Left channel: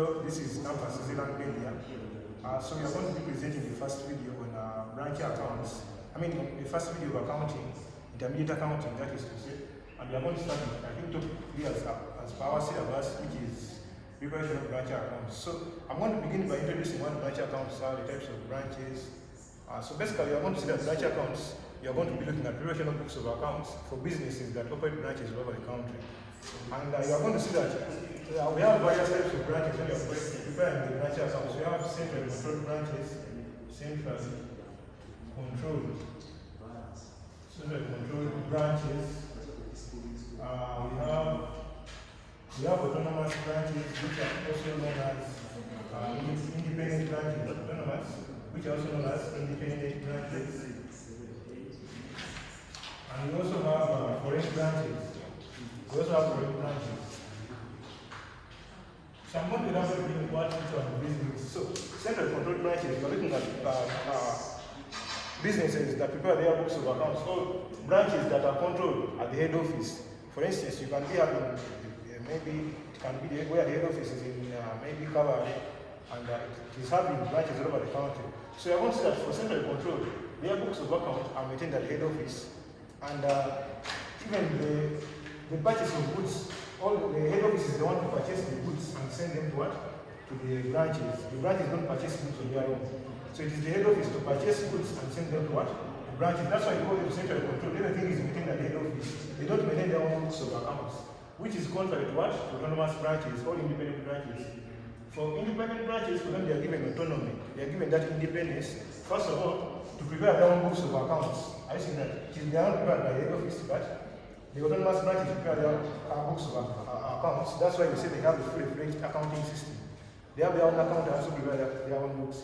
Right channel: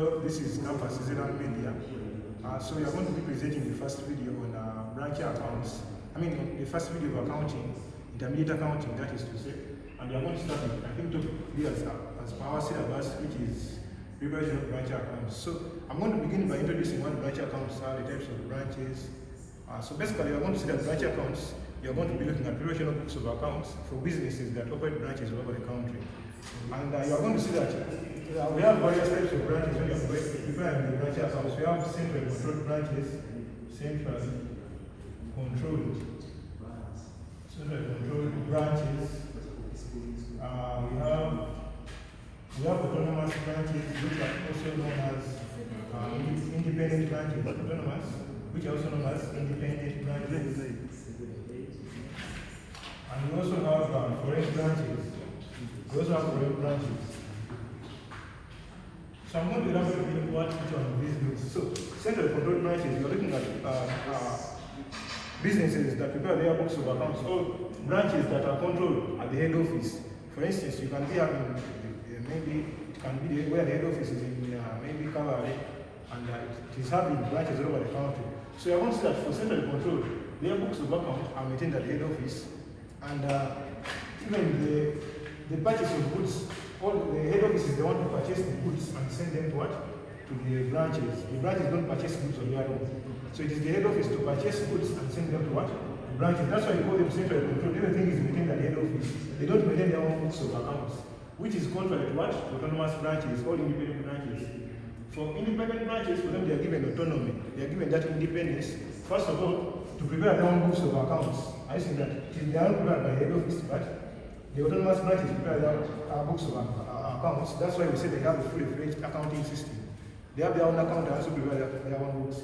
This is Campus Zealand Media. So we are going to be presenting the first video on branch accounts. The first video of accounting, intermediate accounting, that is to say. And we are going to start with, I think, topic as per our syllabus, which is preparation of branch accounts. So I'm going to begin by introducing what branch accounts are, the types of branches. So basically, we are going to see that branch accounts, we are going to be looking at preparation of books of accounts for businesses that operate branches all over the country. And you are going to see that we have various types of branches when you are preparing the branch accounts. We have central controlled branches, central controlled branches. We have autonomous branches, which are also known as independent branches. Autonomous, which are also known as independent branches. And we also have foreign branches. So I'm going to elaborate what each one of these means. So central control branches, we're looking at businesses that prepare their books of accounts, or branches that are controlled at the head office. For instance, you can be having maybe it can be where the head office is in maybe Calais, and it is having branches all over the country. So I want to say that for central control, their books of accounts are maintained at the head office, and even the purchase of goods, all the head office is the one who purchase the goods and send them to what? To the branches. The branches don't purchase goods on their own. So it is the head office to purchase goods and send them to what? The branches. That's why you call them central control. Everything is maintained at the head office. They don't maintain their own books of accounts, which is contrary to what? Autonomous branches, all independent branches. For independent branches, for them they are given autonomy. They are given that independence. First of all, to prepare their own books of accounts. I think that it is their own prepared by the head office, but the autonomous branches prepare their books of accounts. That's why we say they have a fully-fledged accounting system. They have their own account and also prepare their own books.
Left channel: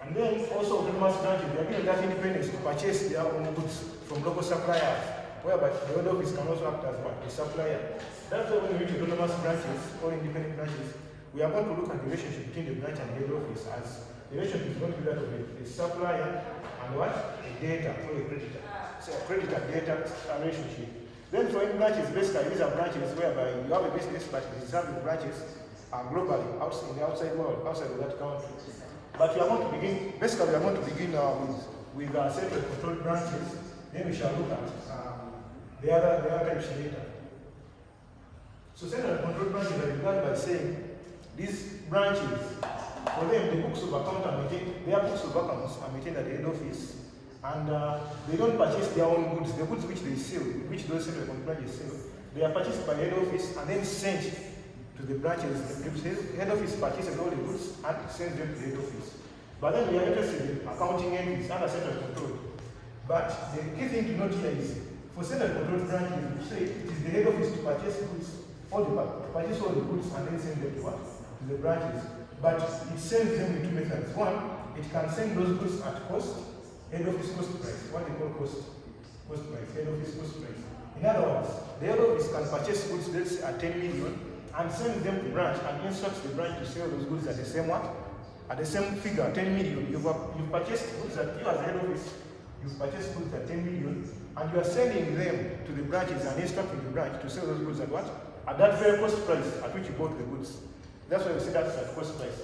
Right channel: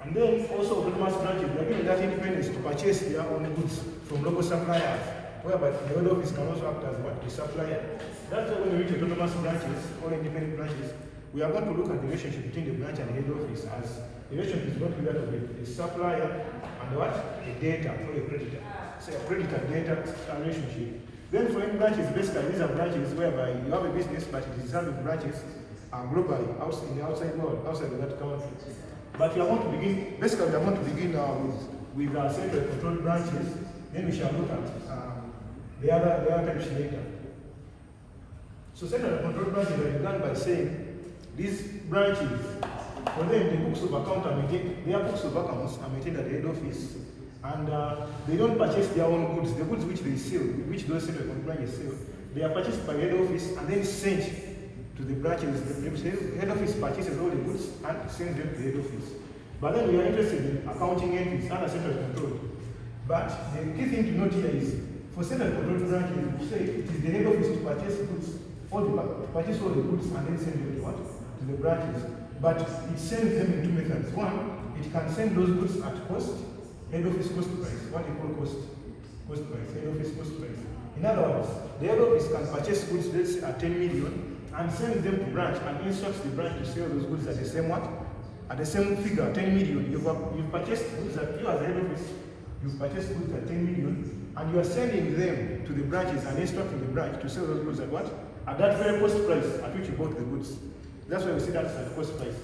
And then also autonomous branches, they are given that independence to purchase their own goods from local suppliers, whereby the head office can also act as what? A supplier. That's why when we reach autonomous branches or independent branches, we are going to look at the relationship between the branch and the head office, as the relationship is going to be that of a supplier and what? A debtor or a creditor. So a creditor-debtor relationship. Then for any branches, basically these are branches whereby you have a business but it is having branches globally, in the outside world, outside of that country. But we are going to begin, basically we are going to begin with central controlled branches, then we shall look at the other types later. So central controlled branches are begun by saying these branches, for them the books of account are maintained, their books of accounts are maintained at the head office. And they don't purchase their own goods. The goods which they sell, which those central control branches sell, they are purchased by head office and then sent to the branches. The head office purchases all the goods and sends them to the head office. But then we are interested in accounting entries under central control. But the key thing to note here is, for central control branches, we say it is the head office to purchase goods, purchase all the goods and then send them to what? To the branches. But it sends them in two methods. One, it can send those goods at cost. Head office cost price, what they call cost price, head office cost price. In other words, the head office can purchase goods, let's say at 10 million, and send them to branch and instructs the branch to sell those goods at the same what? At the same figure, 10 million. You've purchased goods that you as the head office, you've purchased goods at 10 million, and you are sending them to the branches and instructing the branch to sell those goods at what? At that very cost price at which you bought the goods. That's why we say that's at cost price.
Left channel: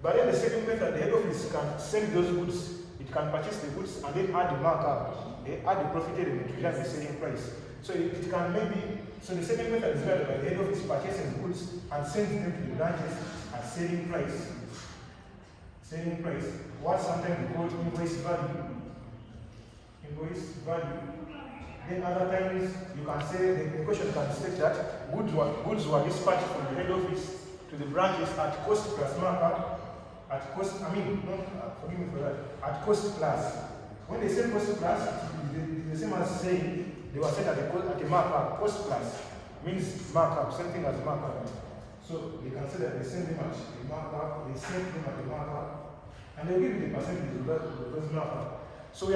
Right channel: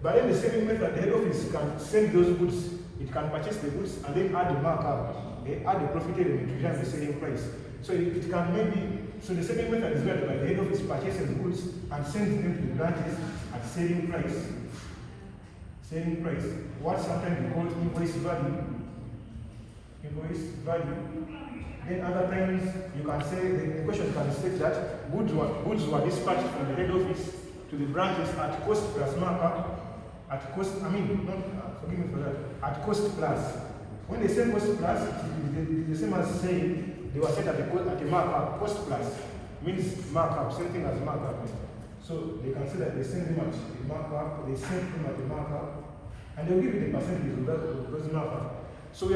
But then the second method, the head office can send those goods. It can purchase the goods and then add the markup. They add the profit element to determine the selling price. So it can maybe, so the second method is whereby the head office purchases the goods and sends them to the branches at selling price. Selling price. What sometimes we call invoice value. Invoice value. Then other times you can say, the question can state that goods were dispatched from the head office to the branches at cost plus markup. At cost, forgive me for that, at cost plus. When they say cost plus, the same as saying they were set at a markup. Cost plus means markup, same thing as markup. So they can say that they send them at the markup, they send them at the markup, and they'll give you the percentage of those markup. So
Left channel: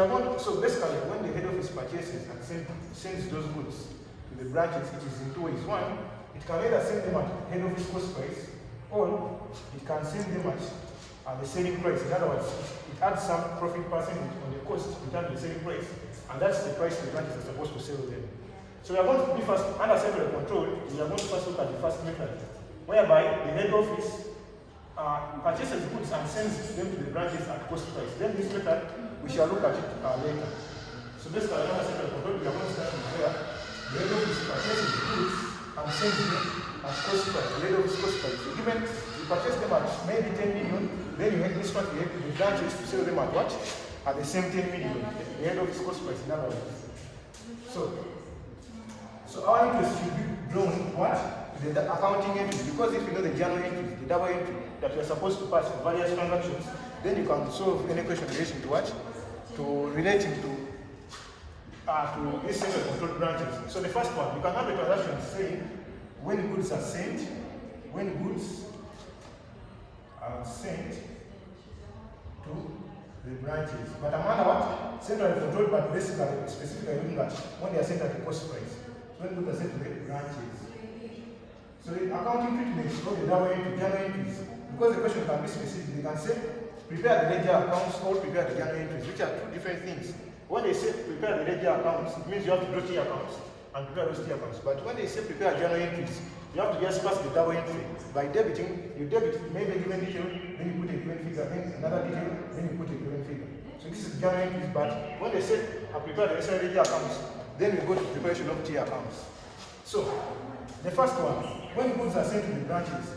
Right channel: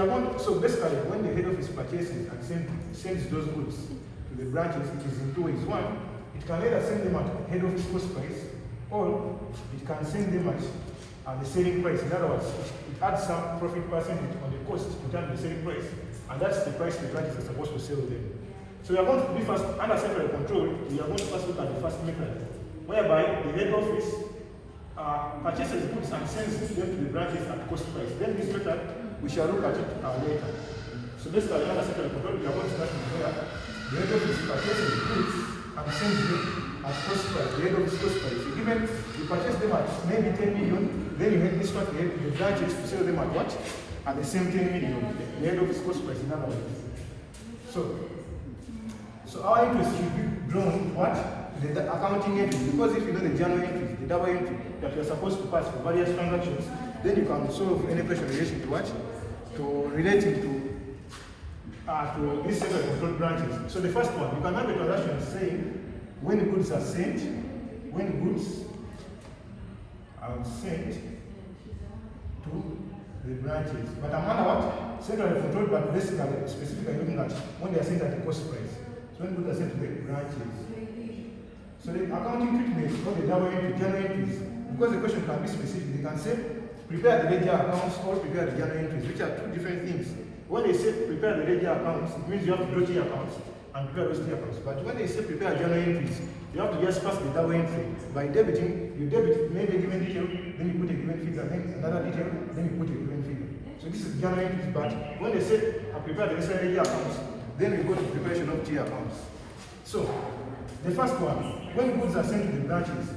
basically, when the head office purchases and sends those goods to the branches, it is in two ways. One, it can either send them at head office cost price, or it can send them at the selling price. In other words, it adds some profit percentage on the cost in terms of the selling price, and that's the price the branches are supposed to sell them. So we are going to be first, under central control, we are going to first look at the first method, whereby the head office purchases goods and sends them to the branches at cost price. Then this method, we shall look at it later. So basically, another set of control, we are going to start from here. The head office purchases goods and sends them at cost price. The head office cost price. So given you purchase them at maybe 10 million, then you make this one the branches to sell them at what? At the same 10 million. The head office cost price in other words. So our entries should be drawn what? The accounting entry. Because if you know the journal entry, the double entry that you are supposed to pass for various transactions, then you can solve any question relating to what? To relating to this set of control branches. So the first one, you can have a transaction saying when goods are sent, when goods are sent to the branches. But I'm under what? Central control, but basically, specifically looking at when they are sent at the cost price. So when goods are sent to the branches. So the accounting treatment is called the double entry, journal entries. Because the question can be specific, they can say prepare the ledger accounts or prepare the journal entries, which are two different things. When they say prepare the ledger accounts, it means you have to do T accounts and prepare those T accounts. But when they say prepare journal entries, you have to just pass the double entry. By debiting, you debit maybe a given detail, then you put a given figure, then another detail, then you put a given figure. So this is journal entries, but when they say prepare the necessary ledger accounts, then we go to preparation of T accounts. So the first one, when goods are sent to the branches,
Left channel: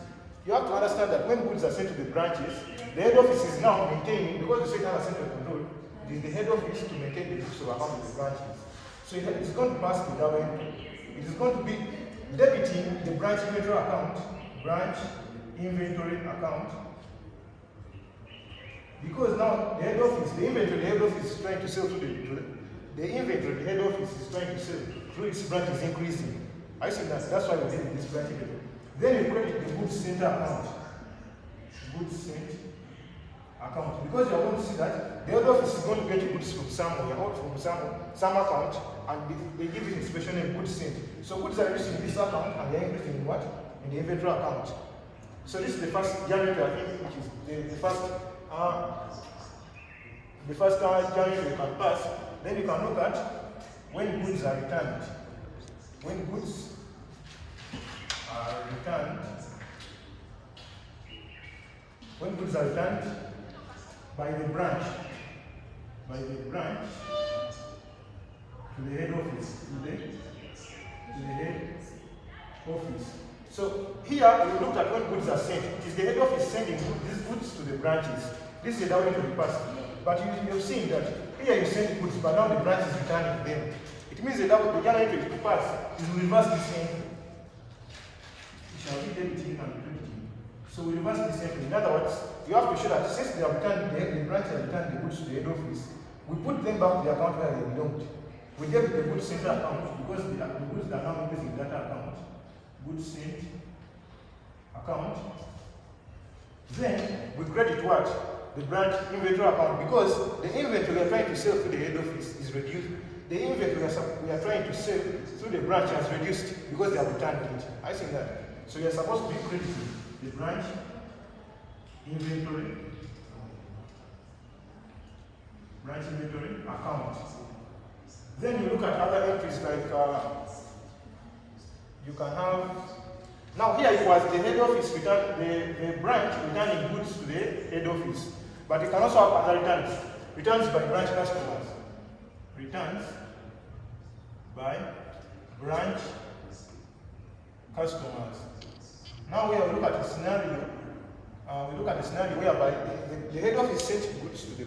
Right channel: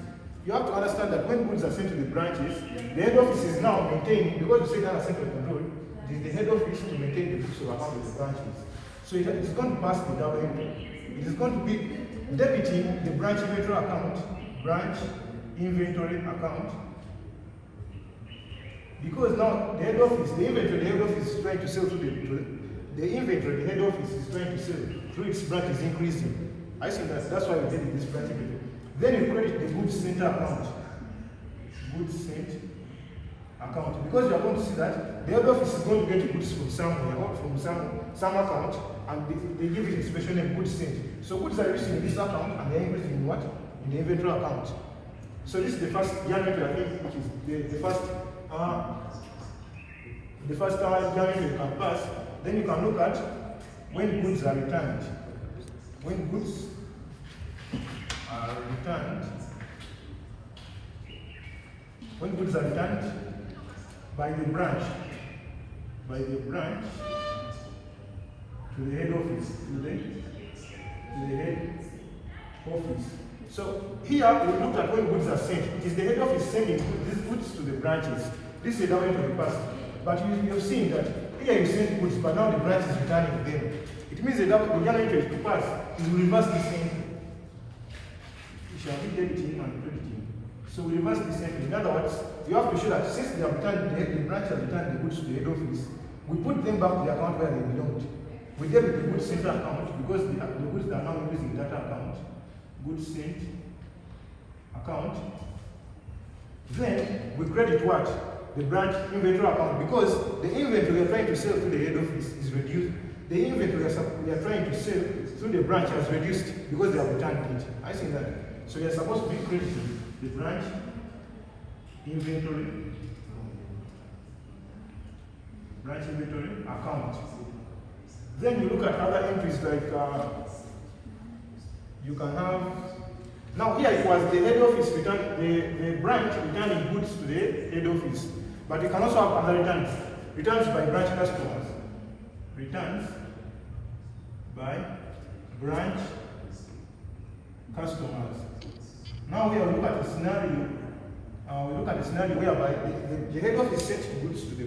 you have to understand that when goods are sent to the branches, the head office is now maintaining, because you say now center of control, it is the head office to maintain the books of account of the branches. So it is going to pass the double entry. It is going to be debiting the branch inventory account, because now the head office, the head office is trying to sell to the inventory, the head office is trying to sell through its branch is increasing. I think that's why we did this branch inventory. Then you credit the goods sent account. Goods sent account. Because you are going to see that the head office is going to get goods from somewhere or from some account, and they give it a special name, goods sent. So goods are used in this account and they are increasing in what? In the inventory account. So this is the first journal entry, I think, which is the first journal you can pass. Then you can look at when goods are returned. When goods are returned by the branch to the head office, to the head office. So here we looked at when goods are sent. It is the head office sending these goods to the branches. This is the double entry pass. But you have seen that here you send goods, but now the branch is returning them. It means the journal entry to pass is reverse this entry. It shall be debiting and crediting. So we reverse this entry. In other words, you have to show that since they have returned, the branch has returned the goods to the head office, we put them back to the account where they belonged. We debit the goods center account because the goods are now increasing in data account. Goods sent account. Then we credit what? The branch inventory account, because the inventory we are trying to sell through the head office is reduced. The inventory we are trying to sell through the branch has reduced because they have returned it. I think that. So you are supposed to be crediting the branch inventory account. Then you look at other entries like you can have. Now here it was the head office return, the branch returning goods to the head office, but you can also have other returns by branch customers. Returns by branch customers. Now we will look at the scenario. Whereby the head office sent goods to the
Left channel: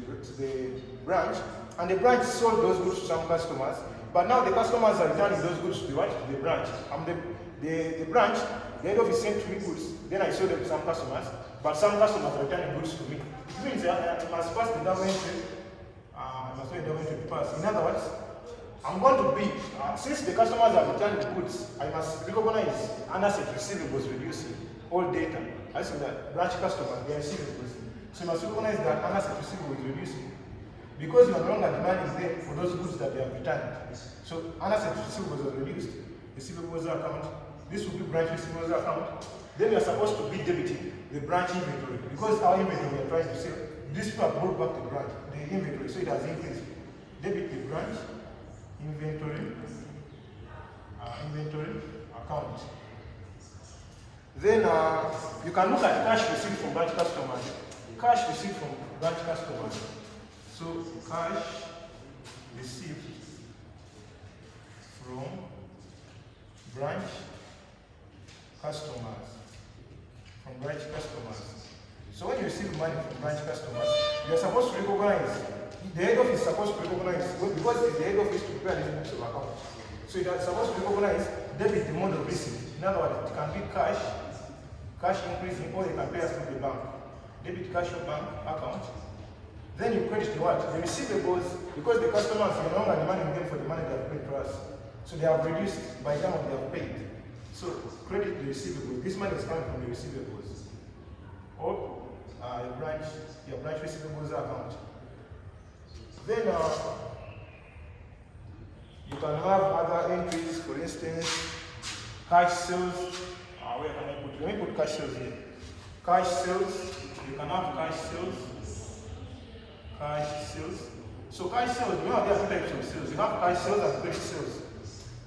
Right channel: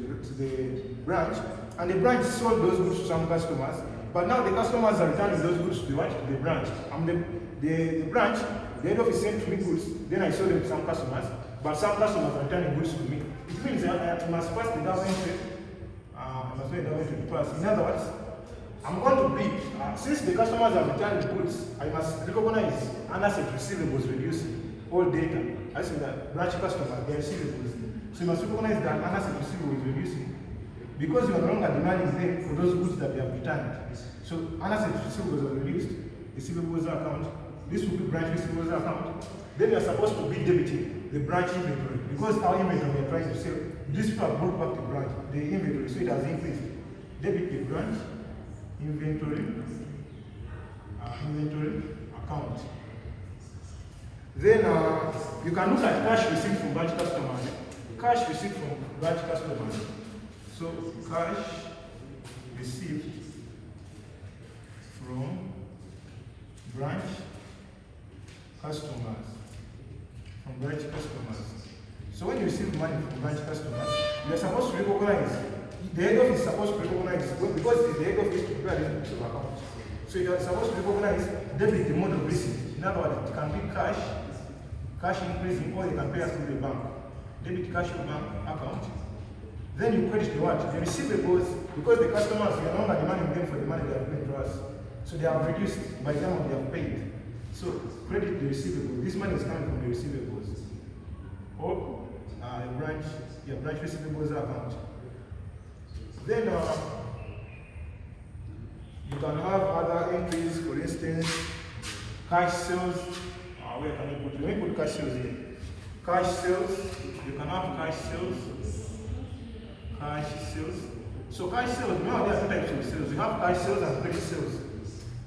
branch, and the branch sold those goods to some customers. But now the customers are returning those goods to the branch. The branch, the head office sent me goods. Then I sold them to some customers, but some customers are returning goods to me. It means I must pass the double entry. In other words, I'm going to be, since the customers have returned the goods, I must recognize unasset receivables reducing all data. I see that branch customers, their receivables. So you must recognize that unasset receivables reducing because you are no longer demanding them for those goods that they have returned. So unasset receivables are reduced, receivables account, this will be branch receivables account. Then you are supposed to be debiting the branch inventory because our inventory we are trying to sell. This people have brought back the branch, the inventory, so it has increased. Debit the branch inventory account. Then you can look at cash received from branch customers. cash received from branch customers. So cash received from branch customers. From branch customers. So when you receive money from branch customers, you are supposed to recognize, the head office is supposed to recognize, because it is the head office to prepare the books of account. So you are supposed to recognize debit, the mode of receipt. In other words, it can be cash increasing, or you can pay us to the bank. Debit cash or bank account. Then you credit the what? The receivables, because the customers are no longer demanding them for the money they have paid to us. So they have reduced by the time they have paid. So credit the receivables. This money is coming from the receivables. Or branch receivables account. Then you can have other entries, for instance, cash sales. Where can I put? Let me put cash sales here. Cash sales. You can have cash sales. Cash sales. So cash sales, remember there are two types of sales. You have cash sales and credit sales.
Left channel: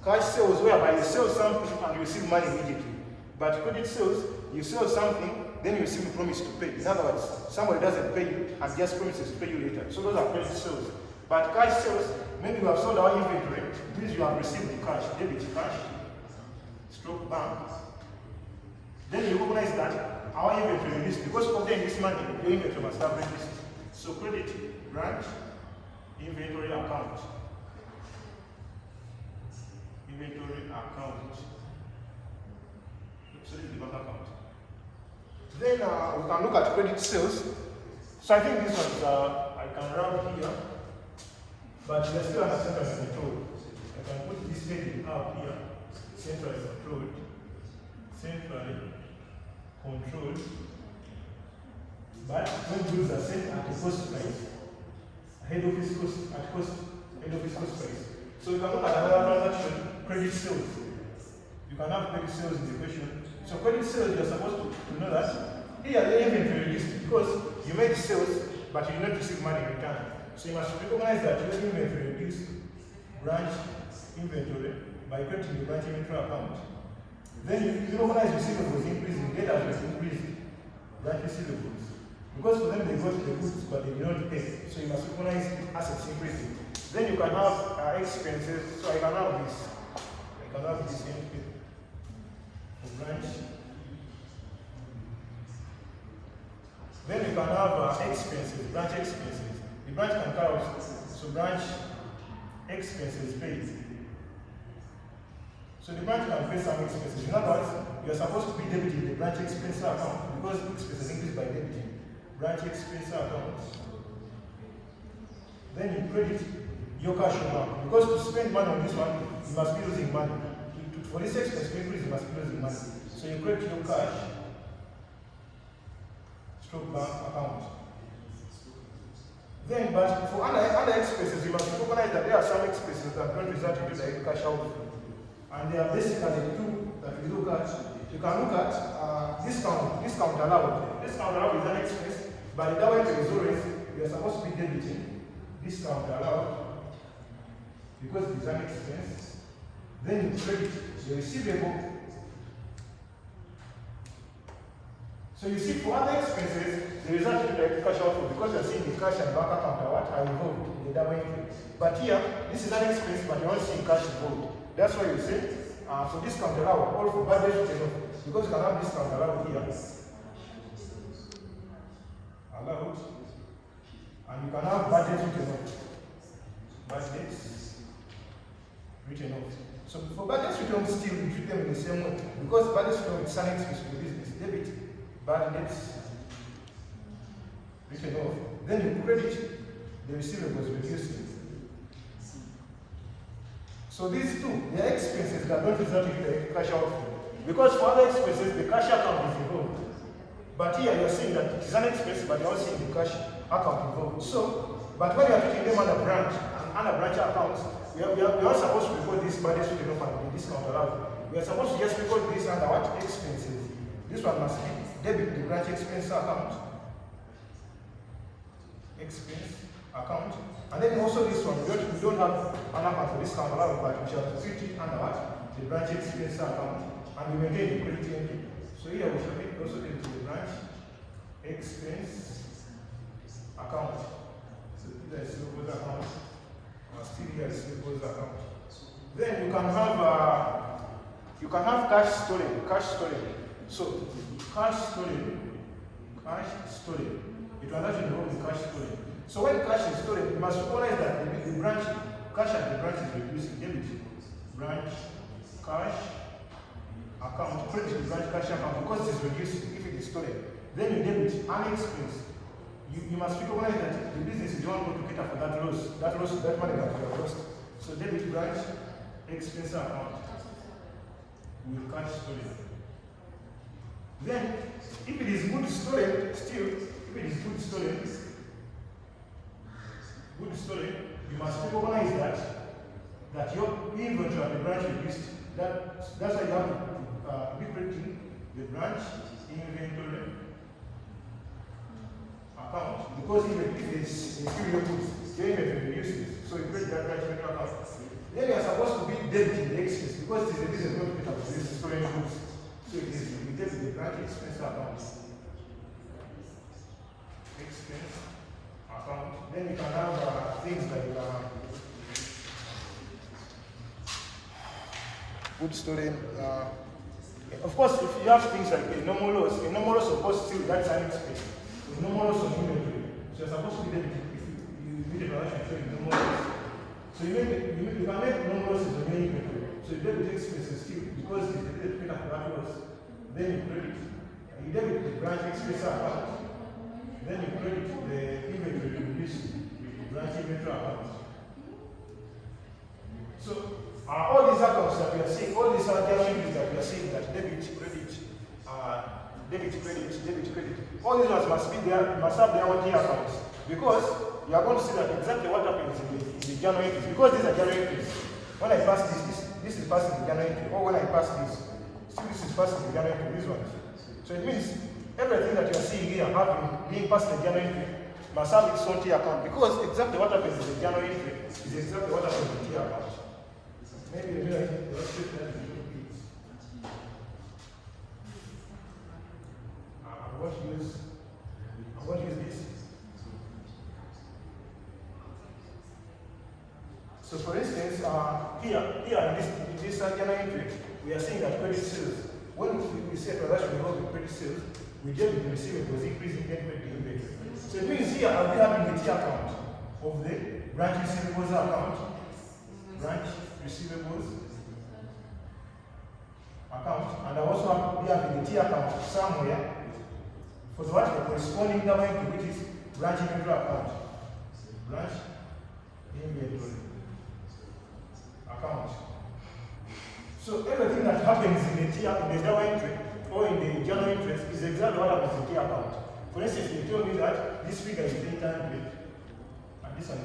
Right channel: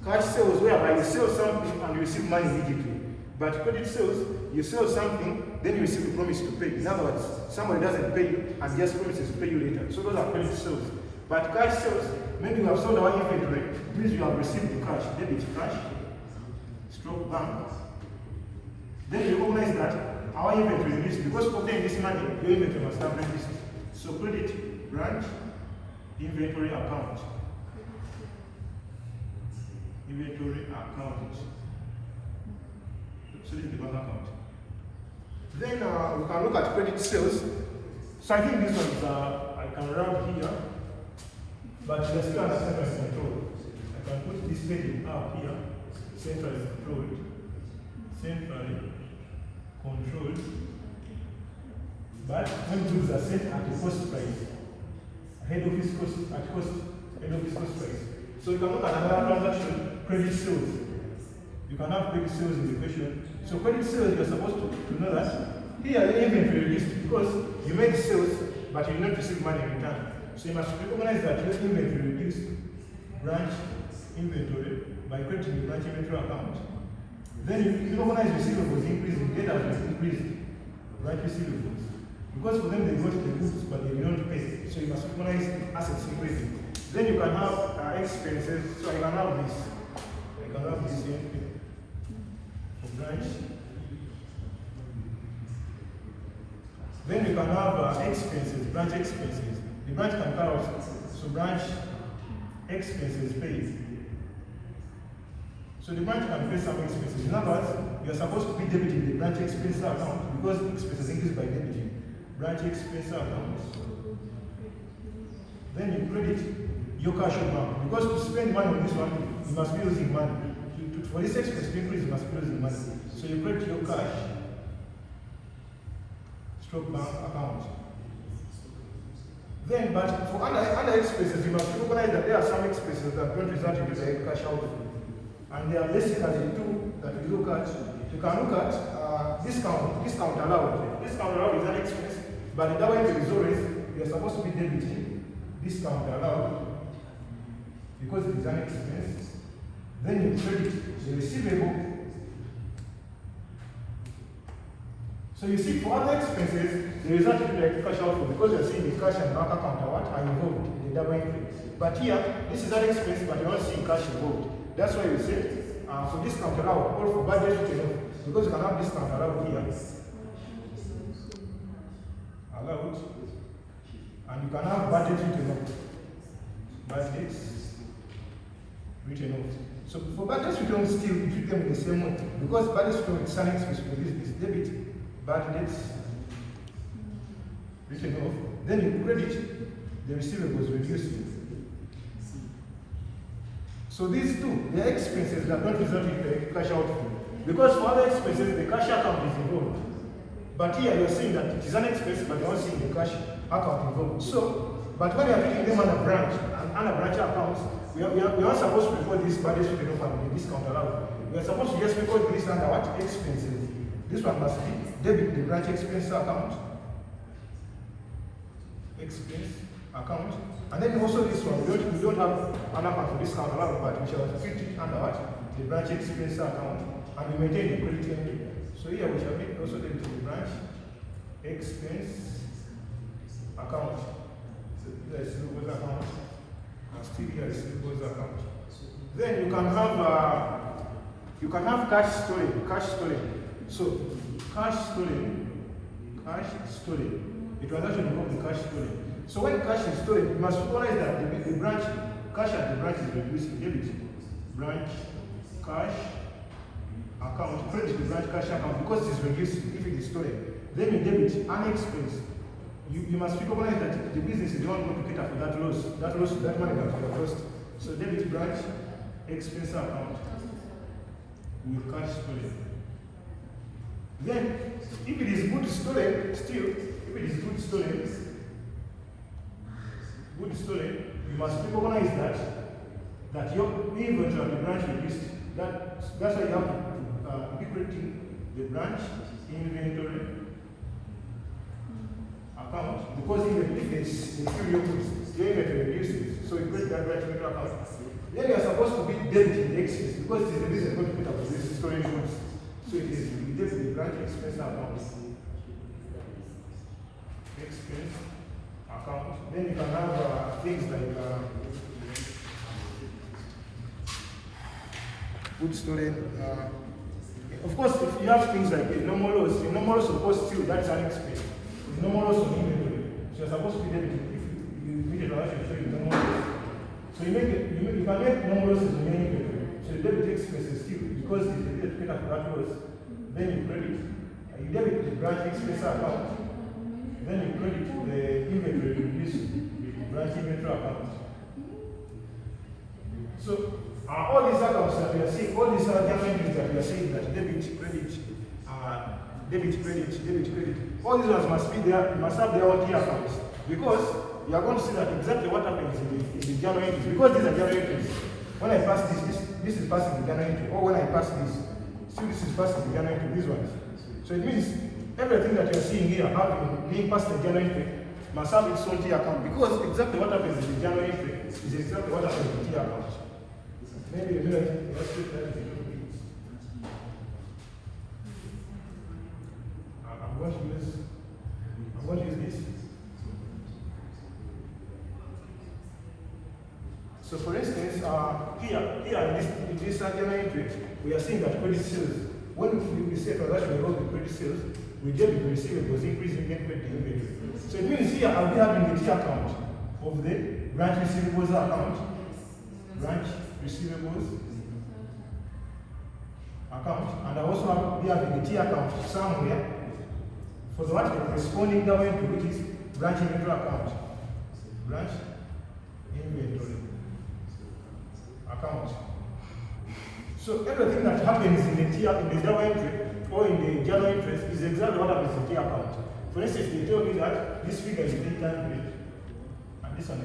Cash sales, whereby you sell something and you receive money immediately. But credit sales, you sell something, then you receive a promise to pay. In other words, somebody doesn't pay you and just promises to pay you later. So those are credit sales. But cash sales, maybe you have sold our inventory, means you have received the cash, debit cash, stroke bank. Then you recognize that our inventory is because of obtaining this money, your inventory must have reduced. So credit branch inventory account. Inventory account. So this is the bank account. Then we can look at credit sales. So I think these ones I can round here, but they're still under centrally controlled. I can put this heading up here, centrally controlled. Centrally controlled. But when goods are sent at a cost price, head office cost at cost, head office cost price. So you can look at another transaction, credit sales. You can have credit sales in the question. So credit sales, you're supposed to know that here your inventory list because you made sales, but you did not receive money in return. So you must recognize that your inventory reduced branch inventory by crediting the branch inventory account. Then you recognize receivables increasing, data has increased branch receivables. Because for them they got the goods but they did not pay. So you must recognize assets increasing. Then you can have expenses. So I can have this. I can have this here for branch. Then you can have expenses, branch expenses. The branch can count. So branch expenses paid. So the branch can pay some expenses. In other words, you are supposed to be debiting the branch expense account because expenses increase by debiting. Branch expense account. Then you credit your cash or bank. Because to spend money on this one, you must be using money. For this expense to increase, you must be using money. So you credit your cash, stroke bank account. Then, but for other expenses, you must recognize that there are some expenses that don't result in direct cash outflow. And there are basically two that we look at. You can look at discount allowed. Discount allowed is an expense, but the way to resolve it, you are supposed to be debiting discount allowed because it is an expense. Then you credit the receivable. So you see, for other expenses, the result is like cash outflow because you are seeing the cash and bank account are involved in the double entry. But here, this is an expense, but you're not seeing cash involved. That's why we say for discount allowed or for budget written off, because you can have discount allowed here. Allowed. And you can have budget written off. Budget written off. So for budget written off, still we treat them in the same way. Because budget written off is an expense for the business. Debit, budget written off. Then you credit the receivables reduced. So these two, they are expenses that don't result in the cash outflow. Because for other expenses, the cash account is involved. But here you're seeing that it is an expense, but you're not seeing the cash account involved. So, but when you are taking them on a branch, and on a branch account, we are not supposed to record this budget written off and the discount allowed. We are supposed to just record this under what? Expenses. This one must be debit the branch expense account. Expense account. And then also this one, we don't have an account for discount allowed, but we shall treat it under what? The branch expense account, and we maintain the credit entry. So here we shall also take to the branch expense account. So these are receivables account. Still here receivables account. Then you can have cash stolen. Cash stolen. So cash stolen. The transaction involves the cash stolen. So when cash is stolen, you must recognize that the branch cash at the branch is reducing. Debit branch cash account, credit the branch cash account because it is reducing if it is stolen. Then you debit an expense. You must recognize that the business is the one going to cater for that loss. That money that you have lost. So debit branch expense account with cash stolen. Then, if it is good stolen, you must recognize that your inventory at the branch reduced. That's why you have to be crediting the branch inventory account, because even if they steal your goods, your inventory reduces. So you credit that branch inventory account. Then you are supposed to be debiting the expense because it is the business going to put up with this stolen goods. So it is you debit the branch expense account. Expense account. Then you can have things like goods stolen. Of course, if you have things like normal loss of course still that's an expense. Normal loss on inventory. So you're supposed to be debiting if you meet a transaction showing normal loss. So you can make normal losses on your inventory. So you debit expenses still because it's the cater for that loss. Then you credit. You debit the branch expense account. Then you credit the inventory to reduce the branch inventory account. So all these accounts that we are seeing, all these other entries that we are seeing, that debit, credit, all these ones must be there, must have their own key accounts. Because you are going to see that exactly what happens in the journal entries. Because these are journal entries. When I pass this is passing the journal entry. Or when I pass this, still this is passing the journal entry, these ones. So it means everything that you are seeing here being passed the journal entry must have its own key account. Because exactly what happens in the journal entry is exactly what happens in the key account. Maybe I'm going to use this. So for instance, here in this journal entry, we are seeing that credit sales. When we say transaction involves the credit sales, we debit the receivables, increasing then credit inventory. So it means here I'll be having the T account of the branch receivables account. Branch receivables account, and I also be having the T account somewhere for the corresponding domain to which is branch inventory account. Branch inventory account. So everything that happens in the journal entry or in the journal entries is exactly what happens in the T account. For instance, they told me that this figure is 800 and this one is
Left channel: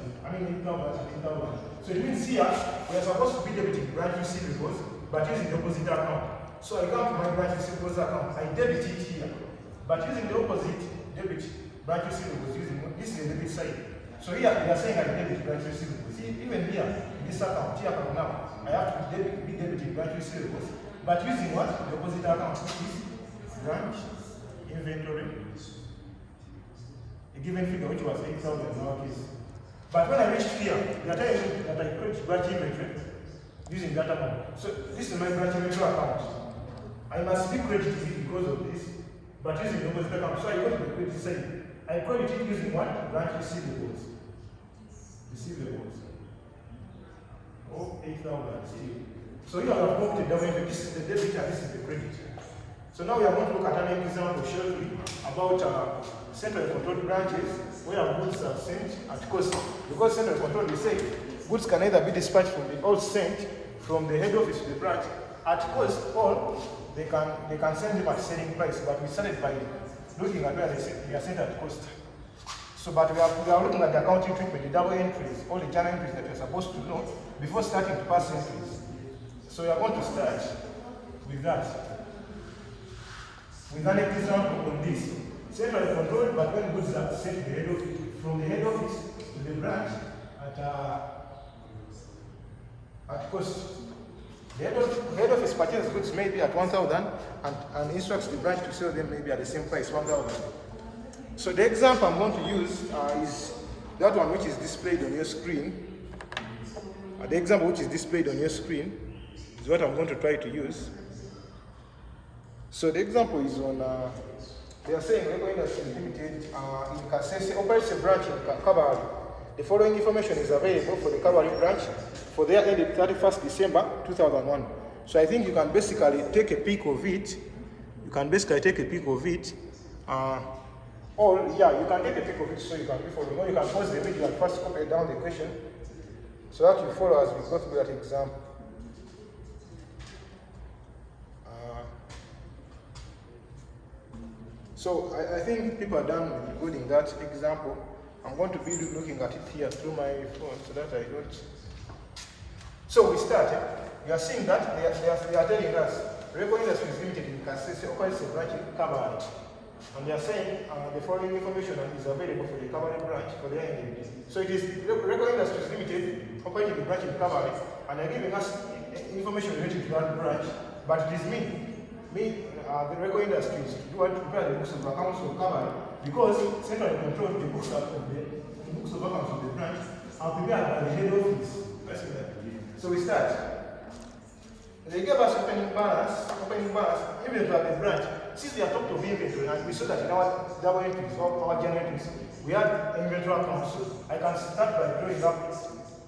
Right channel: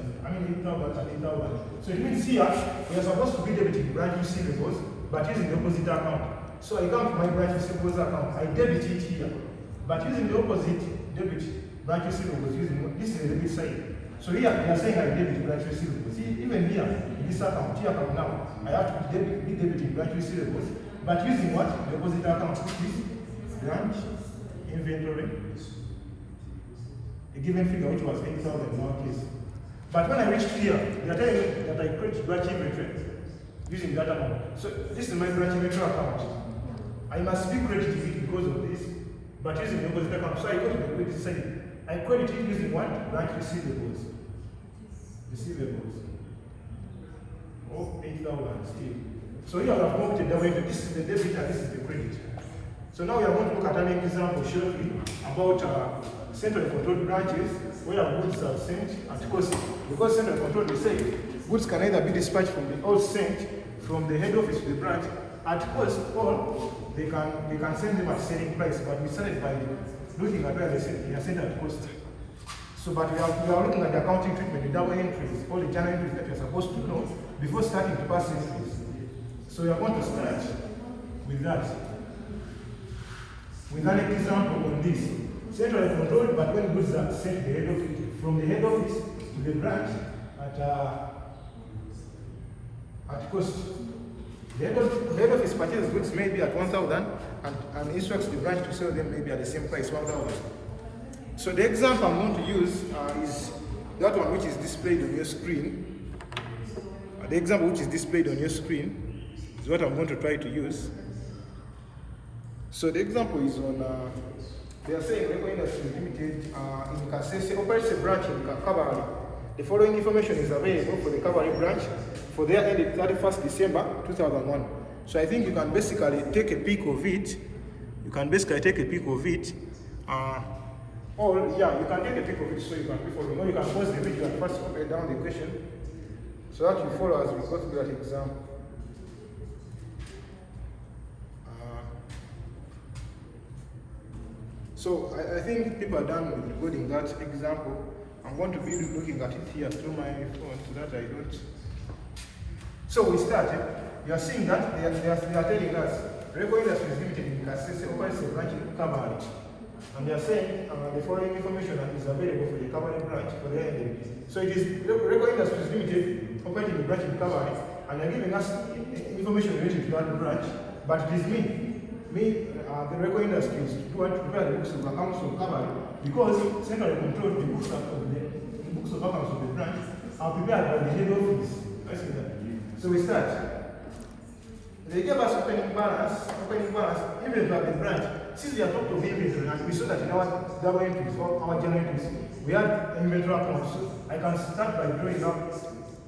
8,000 and 8,000. So it means here we are supposed to be debiting branch receivables but using the opposite account. So I come to my branch receivables account, I debit it here, but using the opposite debit branch receivables using this is the debit side. So here we are saying I debit branch receivables. See, even here in this account, T account now, I have to be debiting branch receivables, but using what? The opposite account, which is branch inventory. A given figure which was 8,000 in our case. But when I reach here, they are telling me that I create branch inventory using that account. So this is my branch inventory account. I must be credited it because of this, but using the opposite account. So I go to the credit side. I credit it using what? Branch receivables. Oh, 8,000 still. So here I have moved the debit. This is the debit and this is the credit. So now we are going to look at an example shortly about centrally controlled branches where goods are sent at cost. Because centrally controlled, we say goods can either be dispatched from the or sent from the head office to the branch at cost, or they can send them at selling price. But we started by looking at where they are sent at cost. So, but we are looking at the accounting treatment, the double entries, all the journal entries that you're supposed to know before starting to pass entries. So we are going to start with that. With an example on this. Centrally controlled, but when goods are sent to the head office, from the head office to the branch at cost. The head office purchases goods maybe at 1,000 and instructs the branch to sell them maybe at the same price, 1,000. So the example I'm going to use is that one which is displayed on your screen. The example which is displayed on your screen is what I'm going to try to use. So the example is on, they are saying Reco Industries Limited in Kasese operates a branch in Kabale. The following information is available for the Kabale branch for their ended 31st December 2001. So I think you can basically take a peek of it. You can basically take a peek of it. Or yeah, you can take a peek of it so you can be following. Or you can pause the video and first copy down the question so that you follow as we go through that exam. So I think people are done with recording that example. I'm going to be looking at it here through my phone so that I don't. So we start. You are seeing that they are telling us Reco Industries Limited in Kasese operates a branch in Kabale. And they are saying the following information is available for the Kabale branch for the end. So it is Reco Industries Limited operating a branch in Kabale, and they are giving us information related to that branch. But it is the Reco Industries who want to prepare the books of accounts of Kabale, because centrally controls the books of accounts of the branch are prepared by the head office. So we start. They gave us opening balance, even at the branch. Since they are talked of inventory, and we saw that in our double entries or our journal entries, we had inventory accounts. So I can start by drawing up.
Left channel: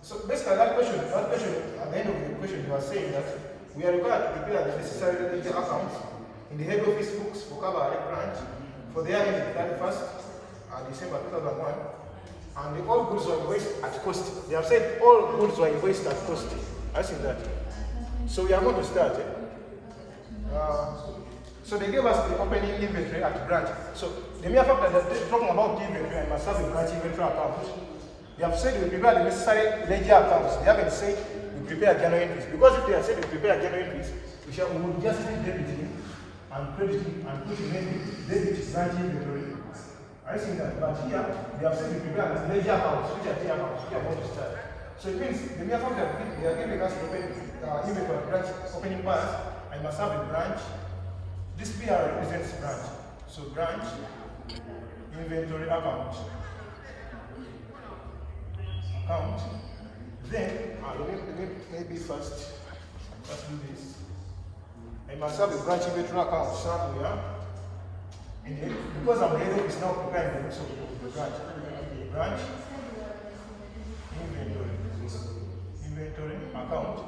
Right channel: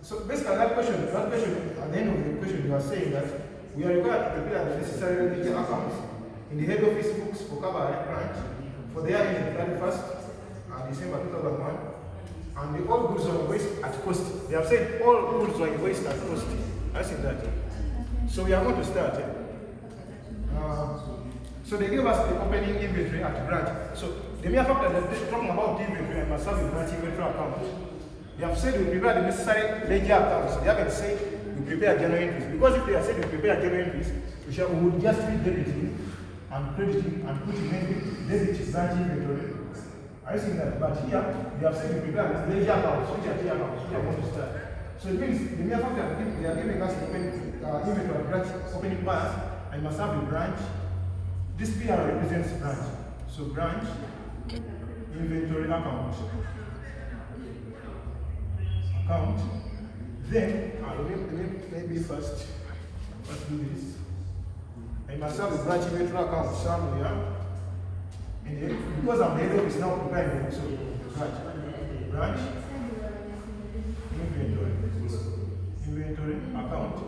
So basically that question, at the end of the question, you are saying that we are required to prepare the necessary ledger accounts in the head office books for Kabale branch for their end 31st December 2001, and the all goods were invoiced at cost. They have said all goods were invoiced at cost. I think that. So we are going to start. So they gave us the opening inventory at branch. So the mere fact that they're talking about the inventory and must have a branch inventory account, they have said we prepare the necessary ledger accounts. They haven't said we prepare journal entries. Because if they have said we prepare journal entries, we would just be debiting and crediting and putting debit branch inventory. I think that, but here they have said we prepare the ledger accounts, which are the accounts we are going to start. So it means the mere fact that they are giving us the inventory branch opening balance, and must have a branch. This PR represents branch. So branch inventory account. Then maybe first let's do this. I must have a branch inventory account somewhere. And then because I'm the head office now preparing the books of the branch inventory account.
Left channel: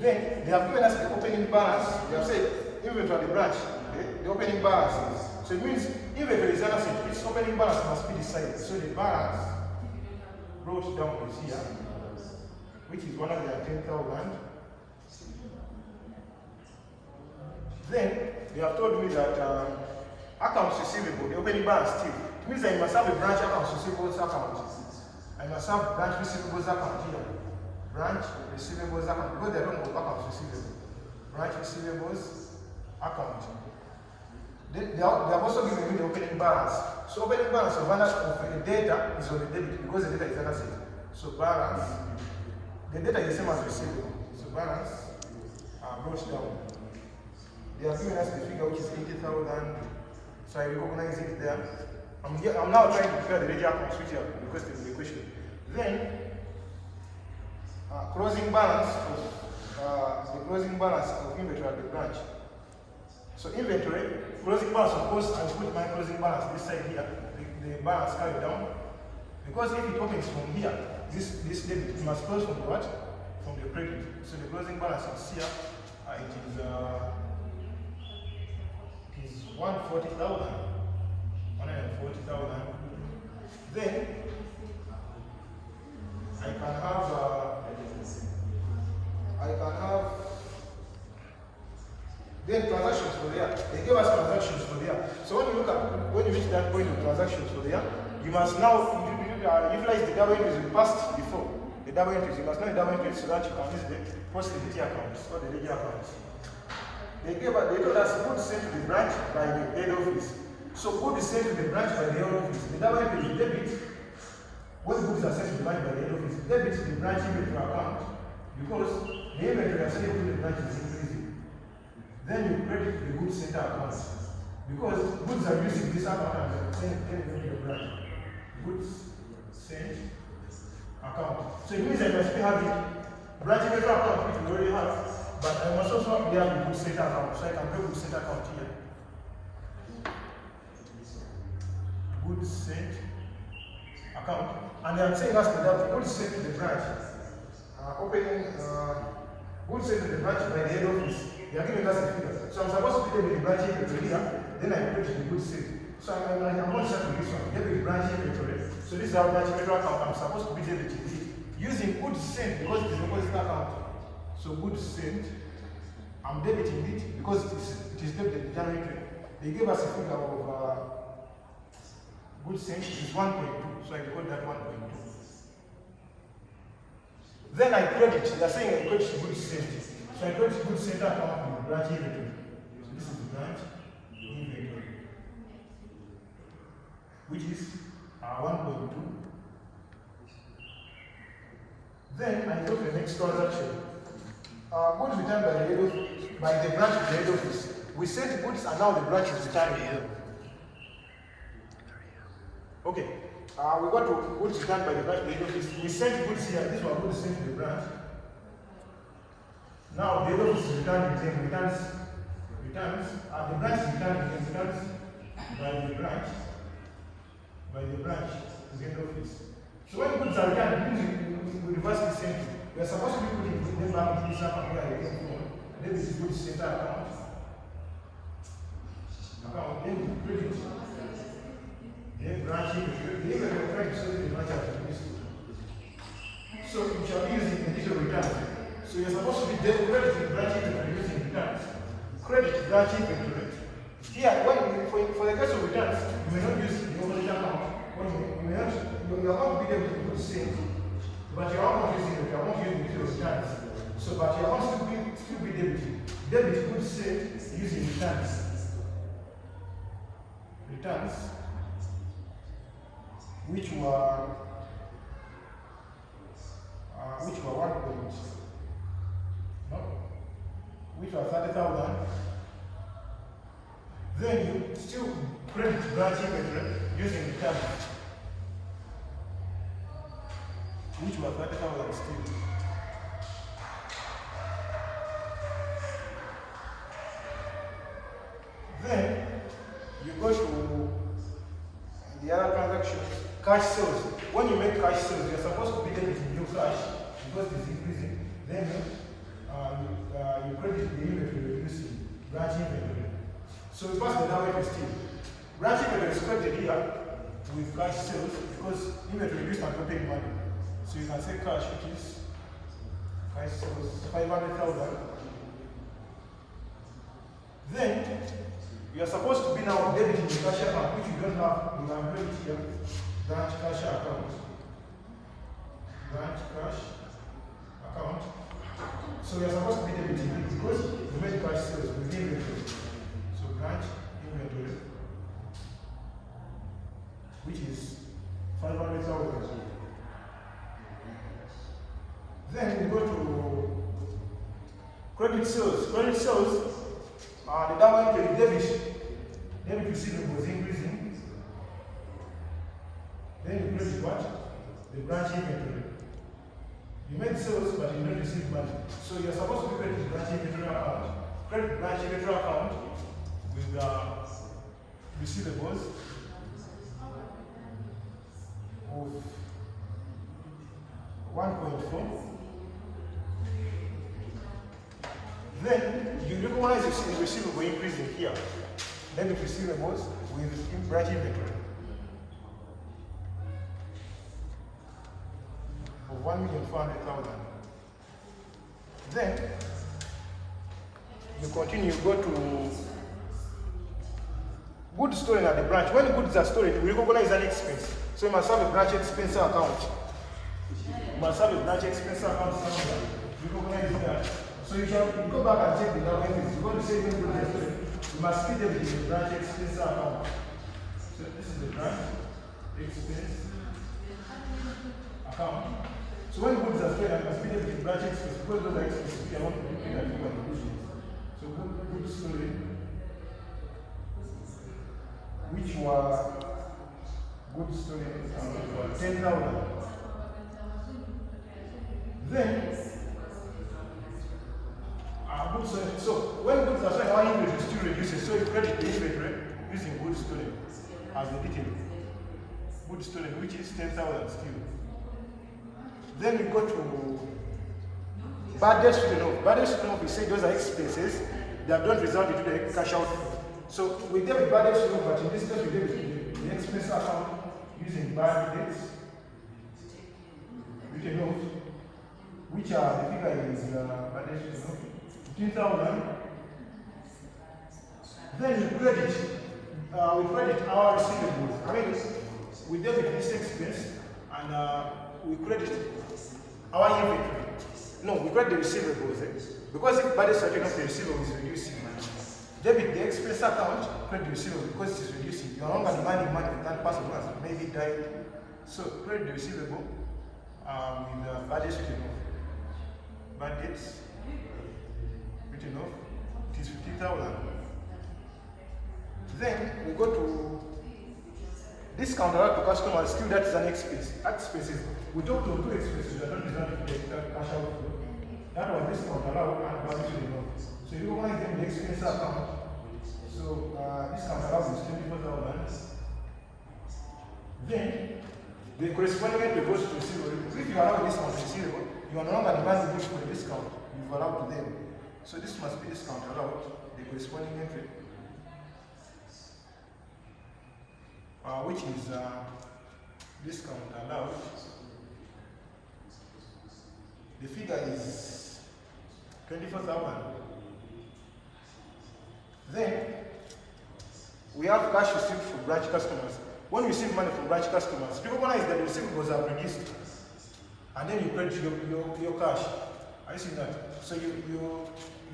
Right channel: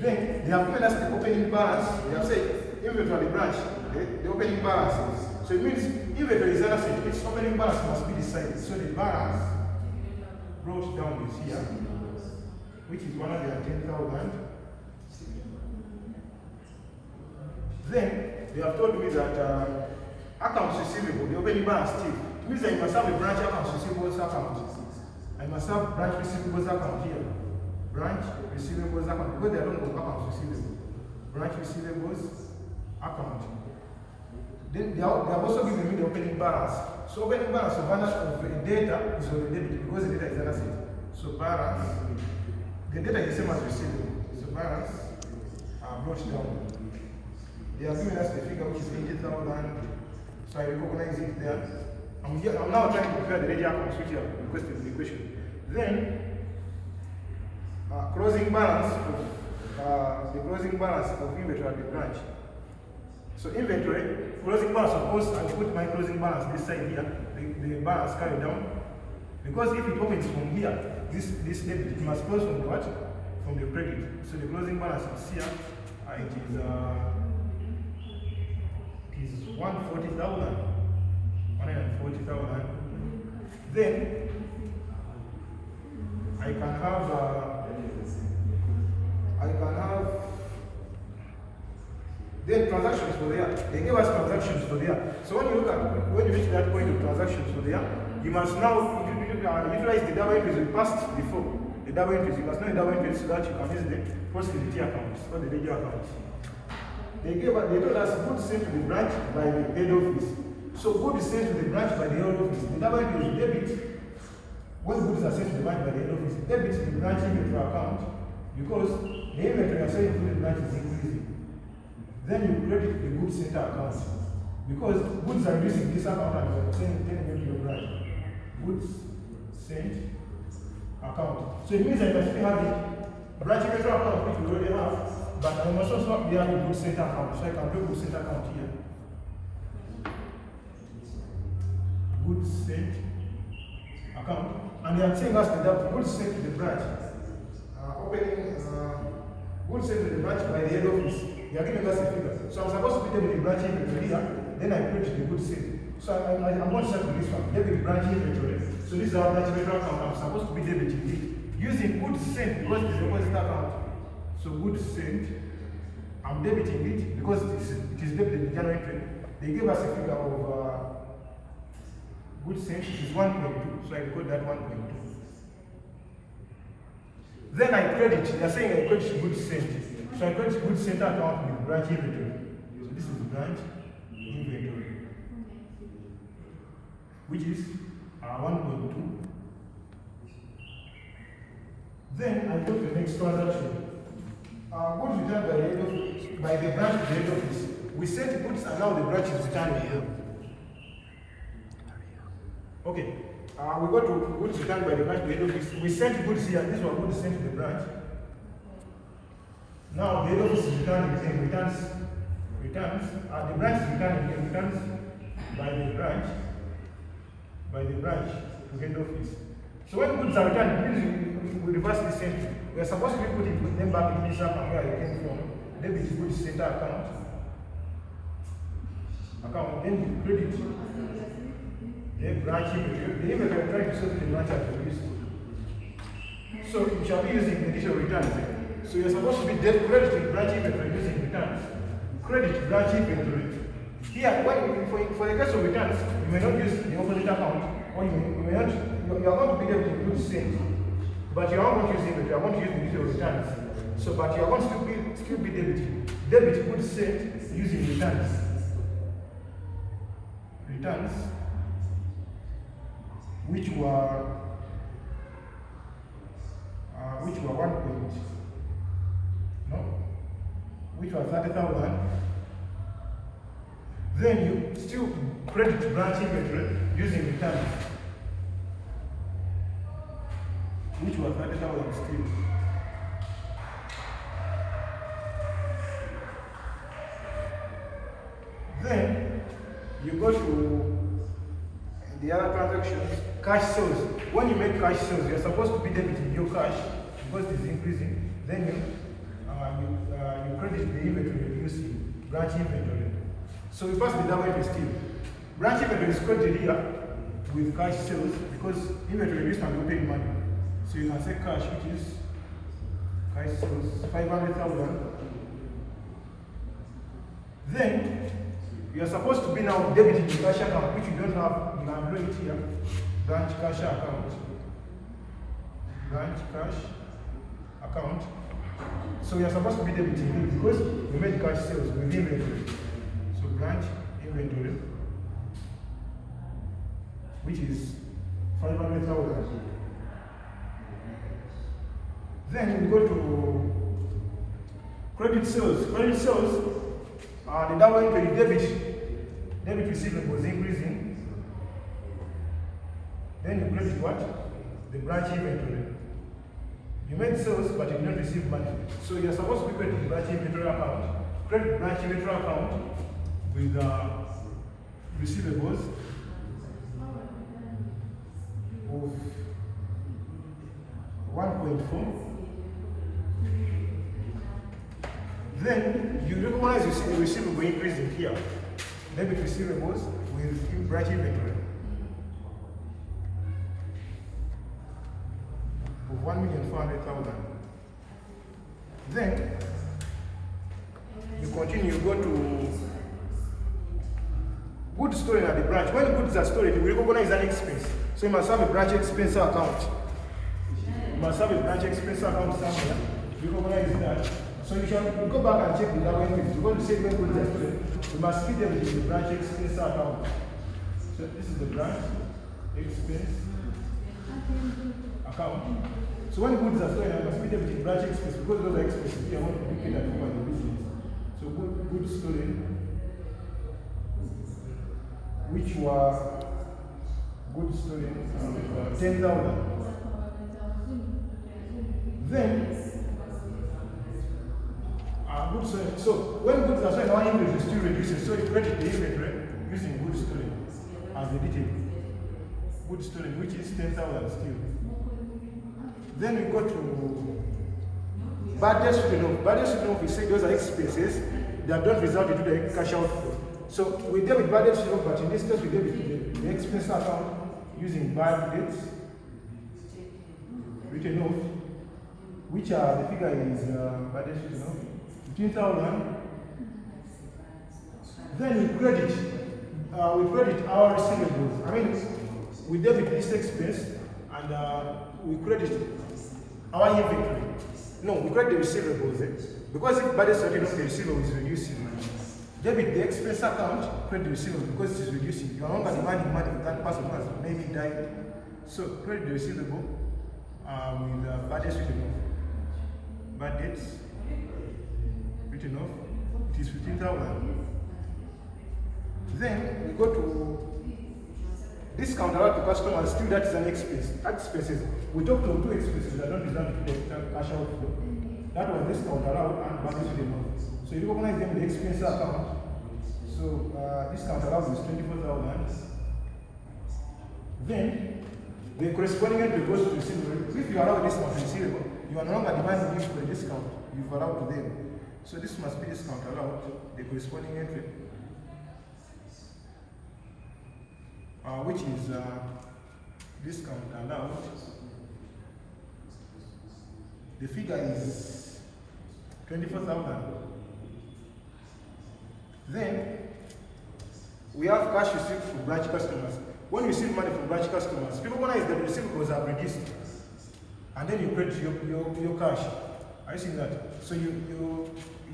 Then they have given us the opening balance. They have said inventory branch, okay? The opening balance. So it means inventory is an asset, its opening balance must be decided. So the balance brought down is here, which is 110,000. Then they have told me that accounts receivable, the opening balance still. It means that you must have the branch accounts receivables account. I must have branch receivables account here. Branch receivables account, because they are talking about accounts receivable. Branch receivables account. They have also given me the opening balance. So opening balance of the data is on the debit because the data is an asset. So balance, the data is the same as receivable. So balance brought down. They have given us the figure which is 80,000. So I recognize it there. I'm now trying to prepare the ledger accounts which are requested in the question. Then closing balance of the closing balance of inventory at the branch. So inventory, closing balance, of course, I put my closing balance this side here, the balance carried down. Because if it opens from here, this debit, it must close from the what? From the credit. So the closing balance is here, it is 140,000. Then I can have then transactions for there. They gave us transactions for there. So when you reach that point of transactions for there, you must now utilize the double entries you passed before. The double entries, you must know the double entries so that you can use the post-entity accounts or the ledger accounts. They told us goods sent to the branch by the head office. So goods sent to the branch by the head office. The double entry is debit. What goods are sent to the branch by the head office? Debit the branch inventory account because the inventory are sent to the branch is increasing. Then you credit the goods center account. Because goods are using this account and they're sending them to your branch. Goods sent account. So it means that I still have it. Branch inventory account which we already have, but I must also have a goods sent account. So I can put goods sent account here. Goods sent account. And they are saying us that goods sent to the branch. Opening goods sent to the branch by the head office. They are giving us a figure. So I'm supposed to put them in the branch inventory here, then I create the goods sent. So I'm going to start with this one. Debit branch inventory. So this is our branch inventory account. I'm supposed to be debiting it using goods sent because it's a deposit account. So goods sent, I'm debiting it because it is debited in January 20. They gave us a figure of goods sent, which is 1.2. So I record that 1.2. Then I credit. They are saying I credit goods sent. So I credit goods sent account with branch inventory. So this is the branch inventory, which is 1.2. Then I go to the next transaction. Goods returned by the branch to the head office. We sent goods and now the branch is returning them. Okay. We got to goods returned by the branch to the head office. We sent goods here. These were goods sent to the branch. Now the head office is returning them. Returns. The branch is returning them. Returns by the branch to head office. So when goods are returned, it means we reverse the same. We are supposed to be putting them back into this account where they came from. Then we goods center account. Then we credit the branch inventory. The inventory we are trying to sell the branch after using. So you shall be using initial returns. So you're supposed to be crediting branch inventory using returns. Credit branch inventory. Here, for the case of returns, you may not use the opposite account. Or you may not, you are going to be able to do the same, but you are not using it. You are going to use the initial returns. So, but you are going to still be debiting. Debit goods sent using returns. Returns, which were 30,000. Then you still credit branch inventory using returns, which were 30,000 still. Then you go to the other transactions, cash sales. When you make cash sales, you're supposed to be debiting your cash because it's increasing. Then you credit the inventory using branch inventory. So we pass the down to still. Branch inventory is credited here with cash sales because inventory used and paid money. So you can say cash, which is cash sales 500,000. Then you are supposed to be now debiting the cash account, which you don't have. You can do it here. Branch cash account. Branch cash account. So you are supposed to be debiting it because we made cash sales with inventory. So branch inventory, which is 500,000. Then we go to credit sales. Credit sales. The down entry debit receivables increasing. Then you credit what? The branch inventory. You made sales, but you did not receive money. So you are supposed to be crediting branch inventory account. Credit branch inventory account with receivables of 1.4. Then you recognize the receivable increasing here. Debit receivables with branch inventory of 1,400,000. Then you continue, you go to goods stored at the branch. When goods are stored, you recognize an expense. So you must have a branch expense account. You must have a branch expense account somewhere. You recognize that. So you shall go back and check the down entries. You're going to say when goods are stored, you must feed them in the branch expense account. So this is the branch expense account. So when goods are stored, I must feed them in the branch expense because those are expenses we are not looking at for the business. So goods stored which were good students, 10,000. Then, good students. So when goods are sold, our inventory still reduces. So you credit the inventory using good student as the detail. Good student, which is 10,000 still. Then we go to bad debt student. Bad debt student, we say those are expenses that don't result into the cash outflow. So we debit bad debt student, but in this case we debit the expense account using bad debts written off, which are the figure is bad debt student, 15,000. Then we credit our receivables. I mean, we debit this expense and we credit our inventory. No, we credit the receivables. Because if bad debt is the receivable is reducing, debit the expense account, credit the receivable because it is reducing. You are no longer demanding money for that person who has maybe died. So credit the receivable with bad debts written off. Bad debts written off. It is 15,000. Then we go to discount allowed to customers. Still, that is an expense. Expenses. We talked to two expenses that don't result in the cash outflow. That was discount allowed and bad debts written off. So you recognize them in the expense account. So discount allowed is 24,000. Then the corresponding entry goes to receivable. If you allow a discount to receivable, you are no longer demanding this for the discount you've allowed to them. So this must be discount allowed, the corresponding entry, which is discount allowed. The figure is 24,000. Then we have cash received from branch customers. When you receive money from branch customers, people recognize that the receivables are reduced, and then you credit your cash. Are you seeing that? So you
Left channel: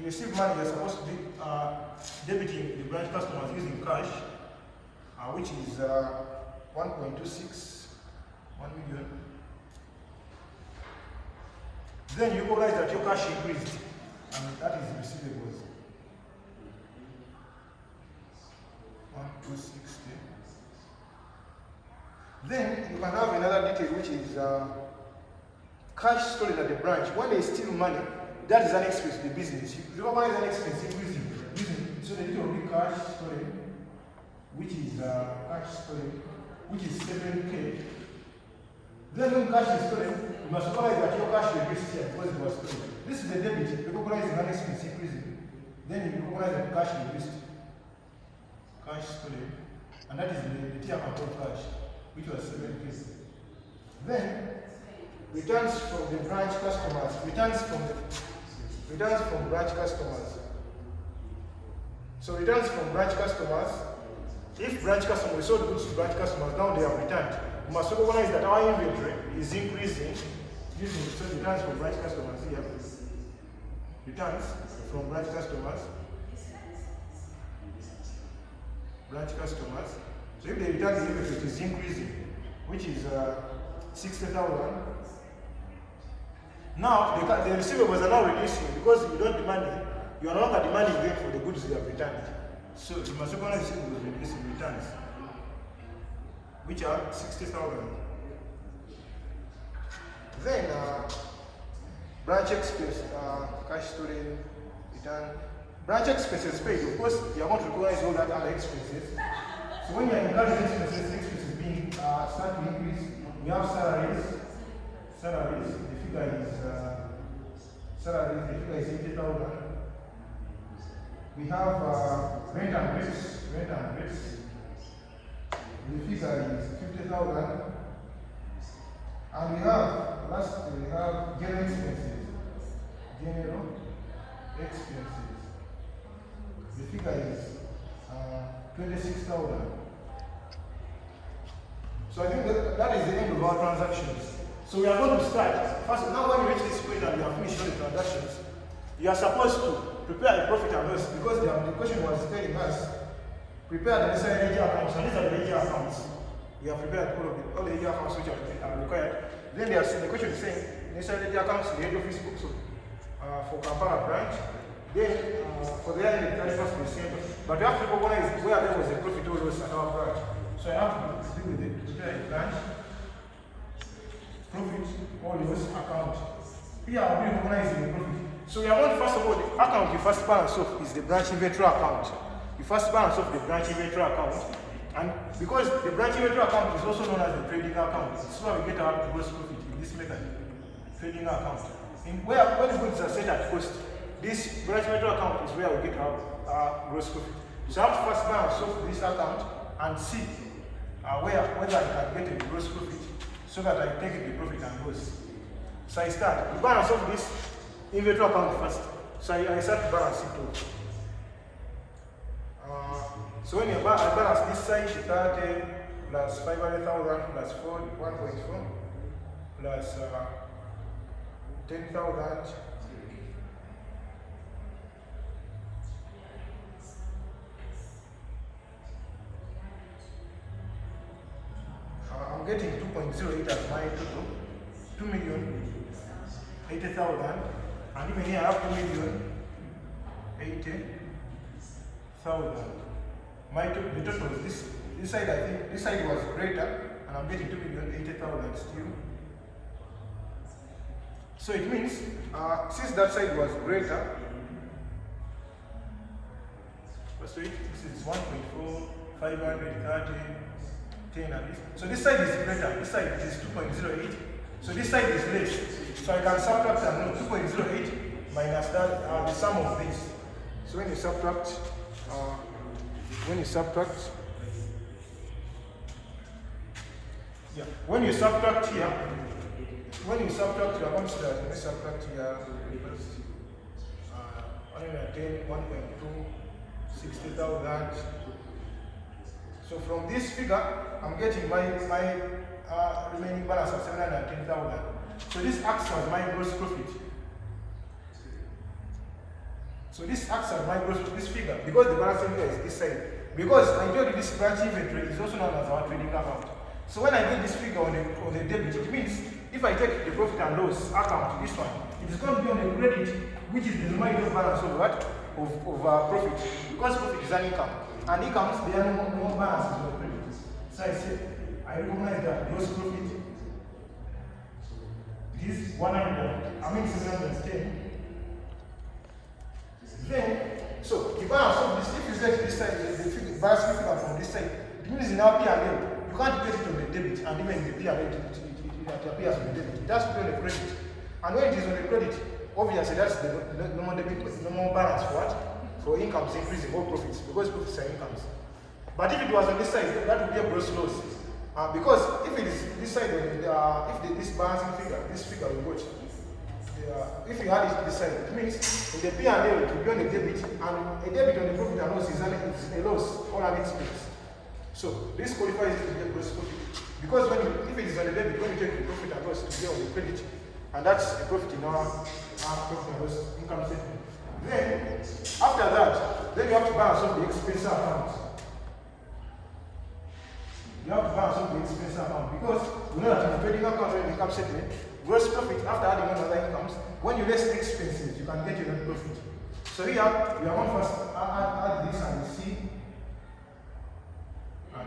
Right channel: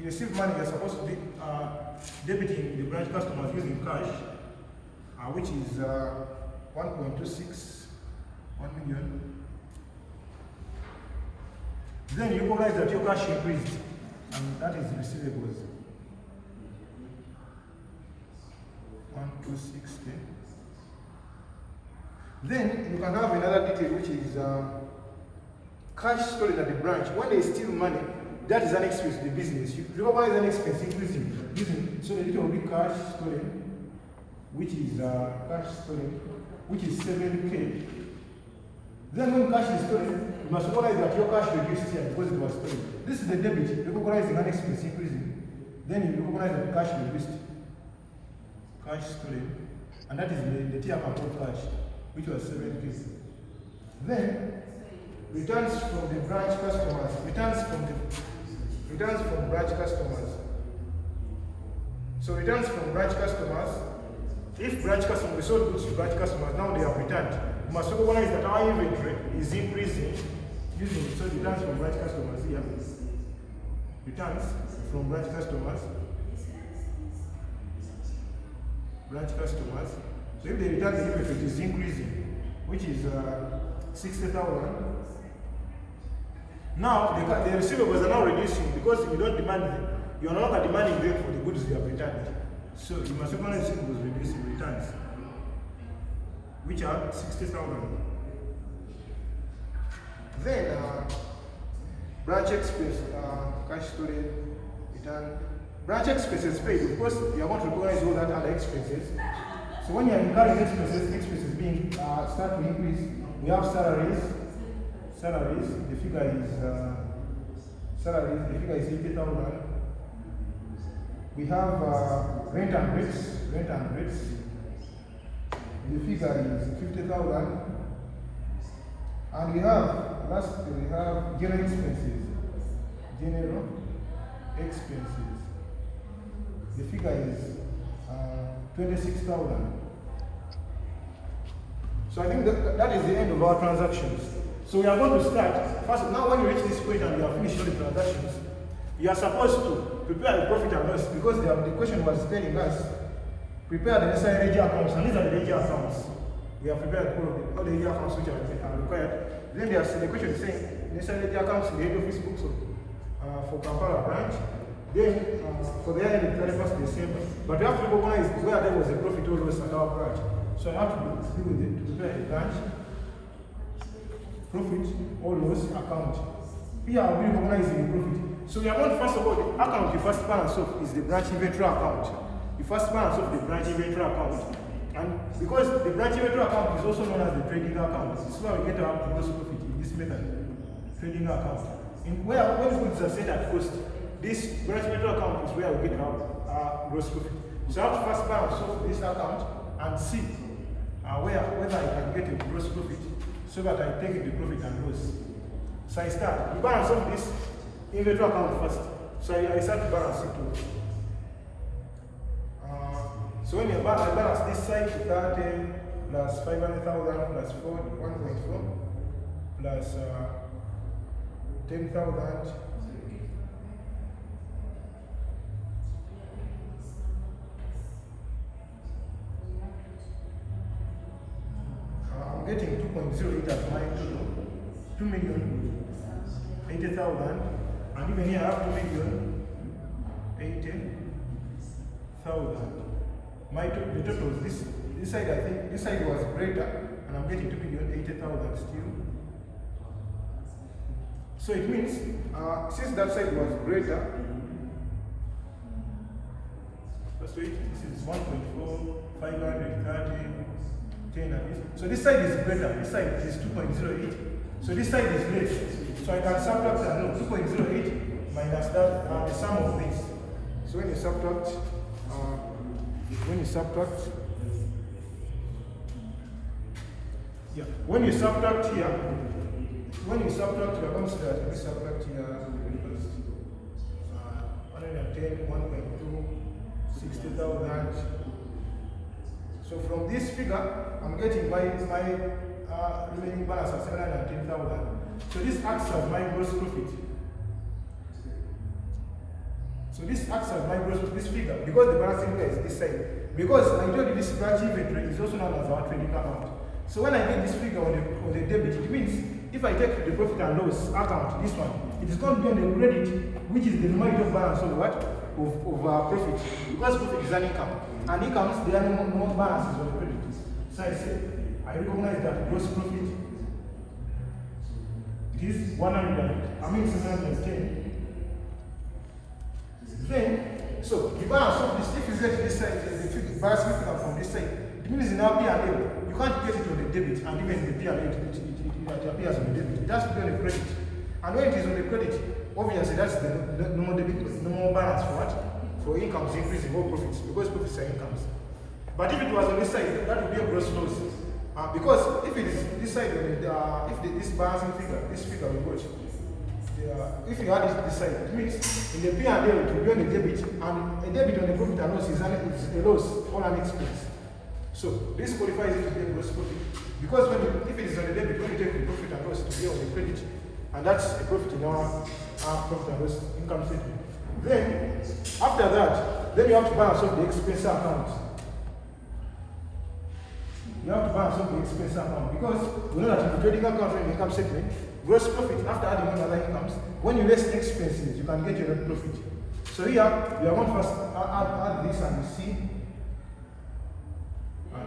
receive money, you're supposed to be debiting the branch customers using cash, which is 1.26, 1 million. Then you recognize that your cash increased, and that is receivables. 1,260. Then you can have another detail, which is cash stored at the branch. When they steal money, that is an expense to the business. You recognize an expense increasing. So the detail will be cash stolen, which is cash stolen, which is 7K. Then when cash is stolen, you must recognize that your cash reduced here because it was stolen. This is the debit, recognizing an expense increasing. Then you recognize that cash reduced. Cash stolen, and that is the tier account of cash, which was 7K. Then returns from the branch customers. Returns from branch customers. So returns from branch customers. If branch customers sold goods to branch customers, now they have returned. You must recognize that our inventory is increasing using so returns from branch customers here. Returns from branch customers. Branch customers. So if they return the inventory, it is increasing, which is 60,000. Now the receivables are now reducing because you don't demand it. You are no longer demanding them for the goods you have returned. So you must recognize receivables reducing returns, which are 60,000. Then branch expense, cash storage, return. Branch expenses paid. Of course, you are going to recognize all that other expenses. So when you are incurring expenses being start to increase, we have salaries. Salaries, the figure is 80,000. We have rent and rates. The figure is 50,000. And we have general expenses. The figure is 26,000. So I think that is the end of our transactions. So we are going to start. First, now when you reach this point and you have finished all the transactions, you are supposed to prepare a profit and loss because the question was telling us, prepare the necessary ledger accounts, and these are the ledger accounts. We have prepared all the ledger accounts which are required. Then the question is saying, necessary ledger accounts in the head office books for Kampala branch, Then for the year 31st December. But you have to recognize where there was a profit or loss at our branch. So I have to deal with it, prepare a branch, profit or loss account. Here I'll be recognizing the profit. So we are going to, first of all, the account you first balance off is the branch inventory account. You first balance off the branch inventory account. And because the branch inventory account is also known as the trading account, this is why we get our gross profit in this method, trading account. When the goods are set at cost, this branch inventory account is where we get our gross profit. So I have to first balance off this account and see whether I can get a gross profit so that I take the profit and loss. So I start. You balance off this inventory account first. So I start to balance it off. So when I balance this side, 30 plus 500,000 plus 1.4 plus 10,000. I'm getting 2.08 as my total. 2,080,000, and even here I have 2,080,000. The total is this side. I think this side was greater, and I'm getting 2,080,000 still. So it means since that side was greater, this is 1.4, 530, 10 at least. So this side is greater. This side is 2.08. So this side is less. So I can subtract and know 2.08 minus that, the sum of this. So when you subtract, when you subtract here, comes to let me subtract here, 110, 1.2, 60,000. So from this figure, I'm getting my remaining balance of 710,000. So this acts as my gross profit. So this acts as my gross profit, this figure, because the balancing figure is this side. Because I told you this branch inventory is also known as our trading account. So when I get this figure on the debit, it means if I take the profit and loss account, this one, it is going to be on the credit, which is the numerator balance of what? Of profit. Because profit is an income. And incomes, there are no balances of credit. So I say, I recognize that gross profit is 710. Then, so the balance of this, if you get this side, the balance figure from this side, it means in our P&L, you can't get it on the debit, and even the P&L, it appears on the debit. It has to be on the credit. And when it is on the credit, obviously that's the normal balance for what? For incomes increasing or profits, because profits are incomes. But if it was on this side, that would be a gross loss. Because if it is this side, this balancing figure, this figure we got, if you add it this side, it means in the P&L it will be on the debit, and a debit on the profit and loss is a loss or an expense. So this qualifies it to be a gross profit. Because if it is on the debit, when you take the profit and loss, it will be on the credit, and that's a profit in our profit and loss income statement. Then, after that, then you have to balance off the expense account. You have to balance off the expense account because we know that in the trading account or in the income statement, gross profit after adding on other incomes, when you less expenses, you can get your net profit. So here, we are going to first add this and you see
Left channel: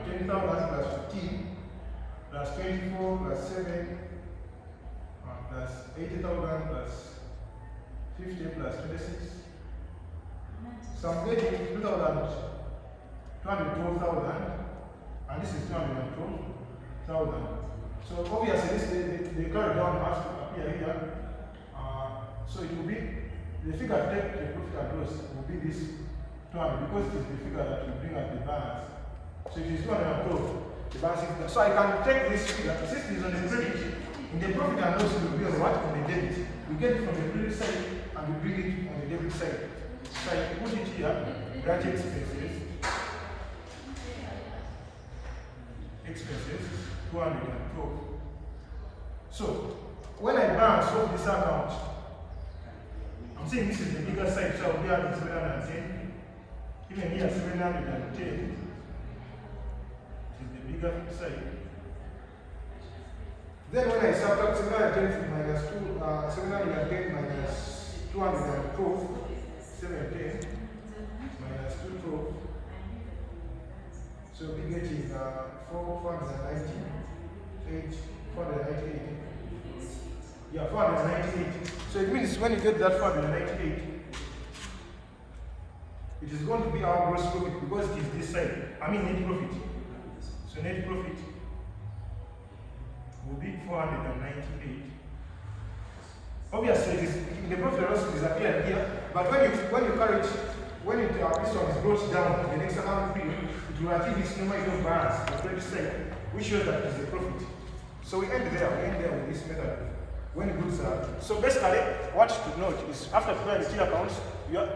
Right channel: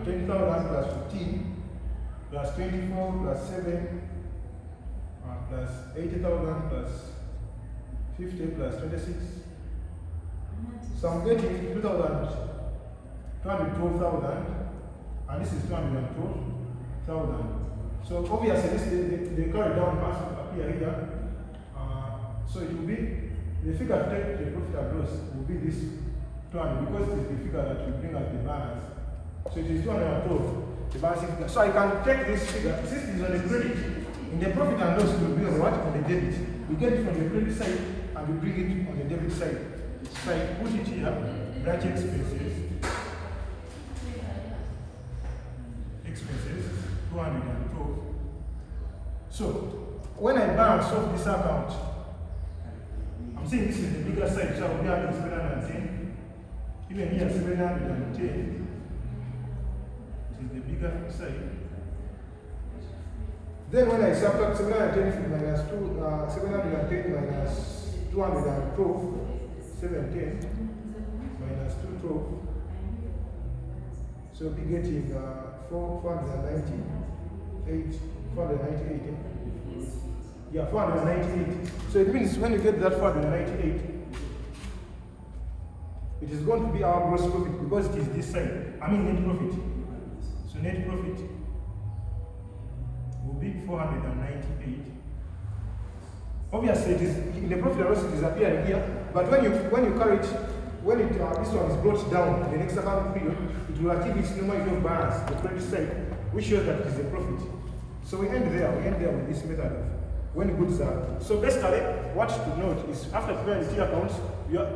10,000 plus 15 plus 24 plus 7 plus 80,000 plus 50 plus 26. So I'm getting 212,000, and this is 212,000. So obviously the carry down has to appear here. So it will be, the figure to take the profit and loss will be this 200, because it is the figure that we bring as the balance. So it is 212, the balancing figure. So I can take this figure, since it is on the credit, in the profit and loss will be on what? On the debit. We get it from the credit side and we bring it on the debit side. So I put it here, branch expenses, 212. So when I balance off this account, I'm saying this is the bigger side, so I'll be having 710. Even here, 710 is the bigger side. Then when I subtract 710 minus 710 minus 212, 710 minus 212. So we'll be getting 498. Yeah, 498. So it means when you get that 498, it is going to be our gross profit because it is this side. I mean net profit. So net profit will be 498. Obviously, it is in the profit and loss it disappears here. But when you carry it, when this one is brought down in the next accounting period, it will achieve its numerical balance, the credit side, which shows that it is a profit. So we end there. We end there with this method. When goods are so basically, what to note is after preparing the T accounts,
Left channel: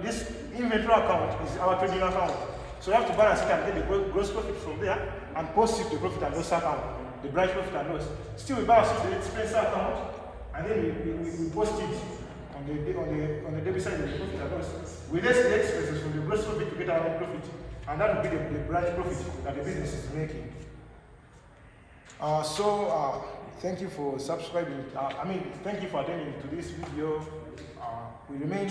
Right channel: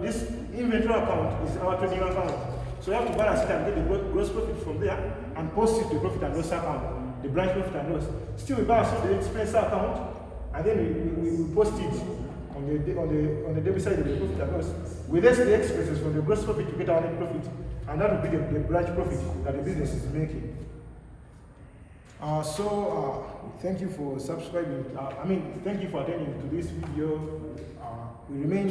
this inventory account is our trading account. So you have to balance it and get the gross profit from there and post it to the profit and loss account, the branch profit and loss. Still, we balance it to the expense account, and then we post it on the debit side of the profit and loss. We less the expenses from the gross profit to get our net profit, and that will be the branch profit that the business is making. Thank you for subscribing. Thank you for attending to this video. We remain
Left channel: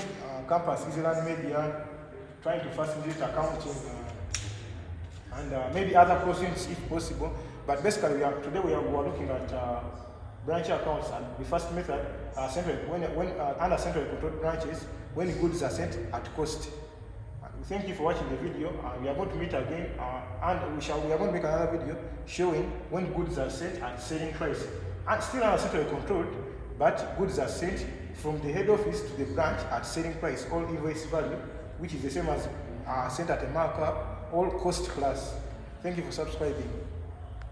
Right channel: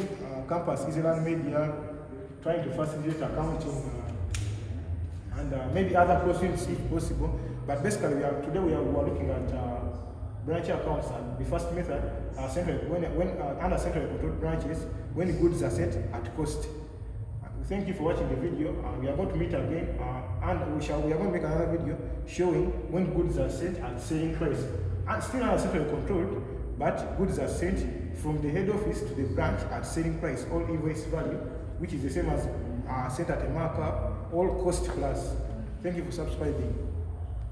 Campus EasyLearn Media, trying to facilitate accounting and maybe other questions if possible. But basically, today we are looking at branch accounts, and the first method, under central control branches, when goods are sent at cost. Thank you for watching the video. We are going to meet again, and we are going to make another video showing when goods are sent at selling price. And still under central control, but goods are sent from the head office to the branch at selling price, all invoice value, which is the same as sent at a markup, all cost plus. Thank you for subscribing.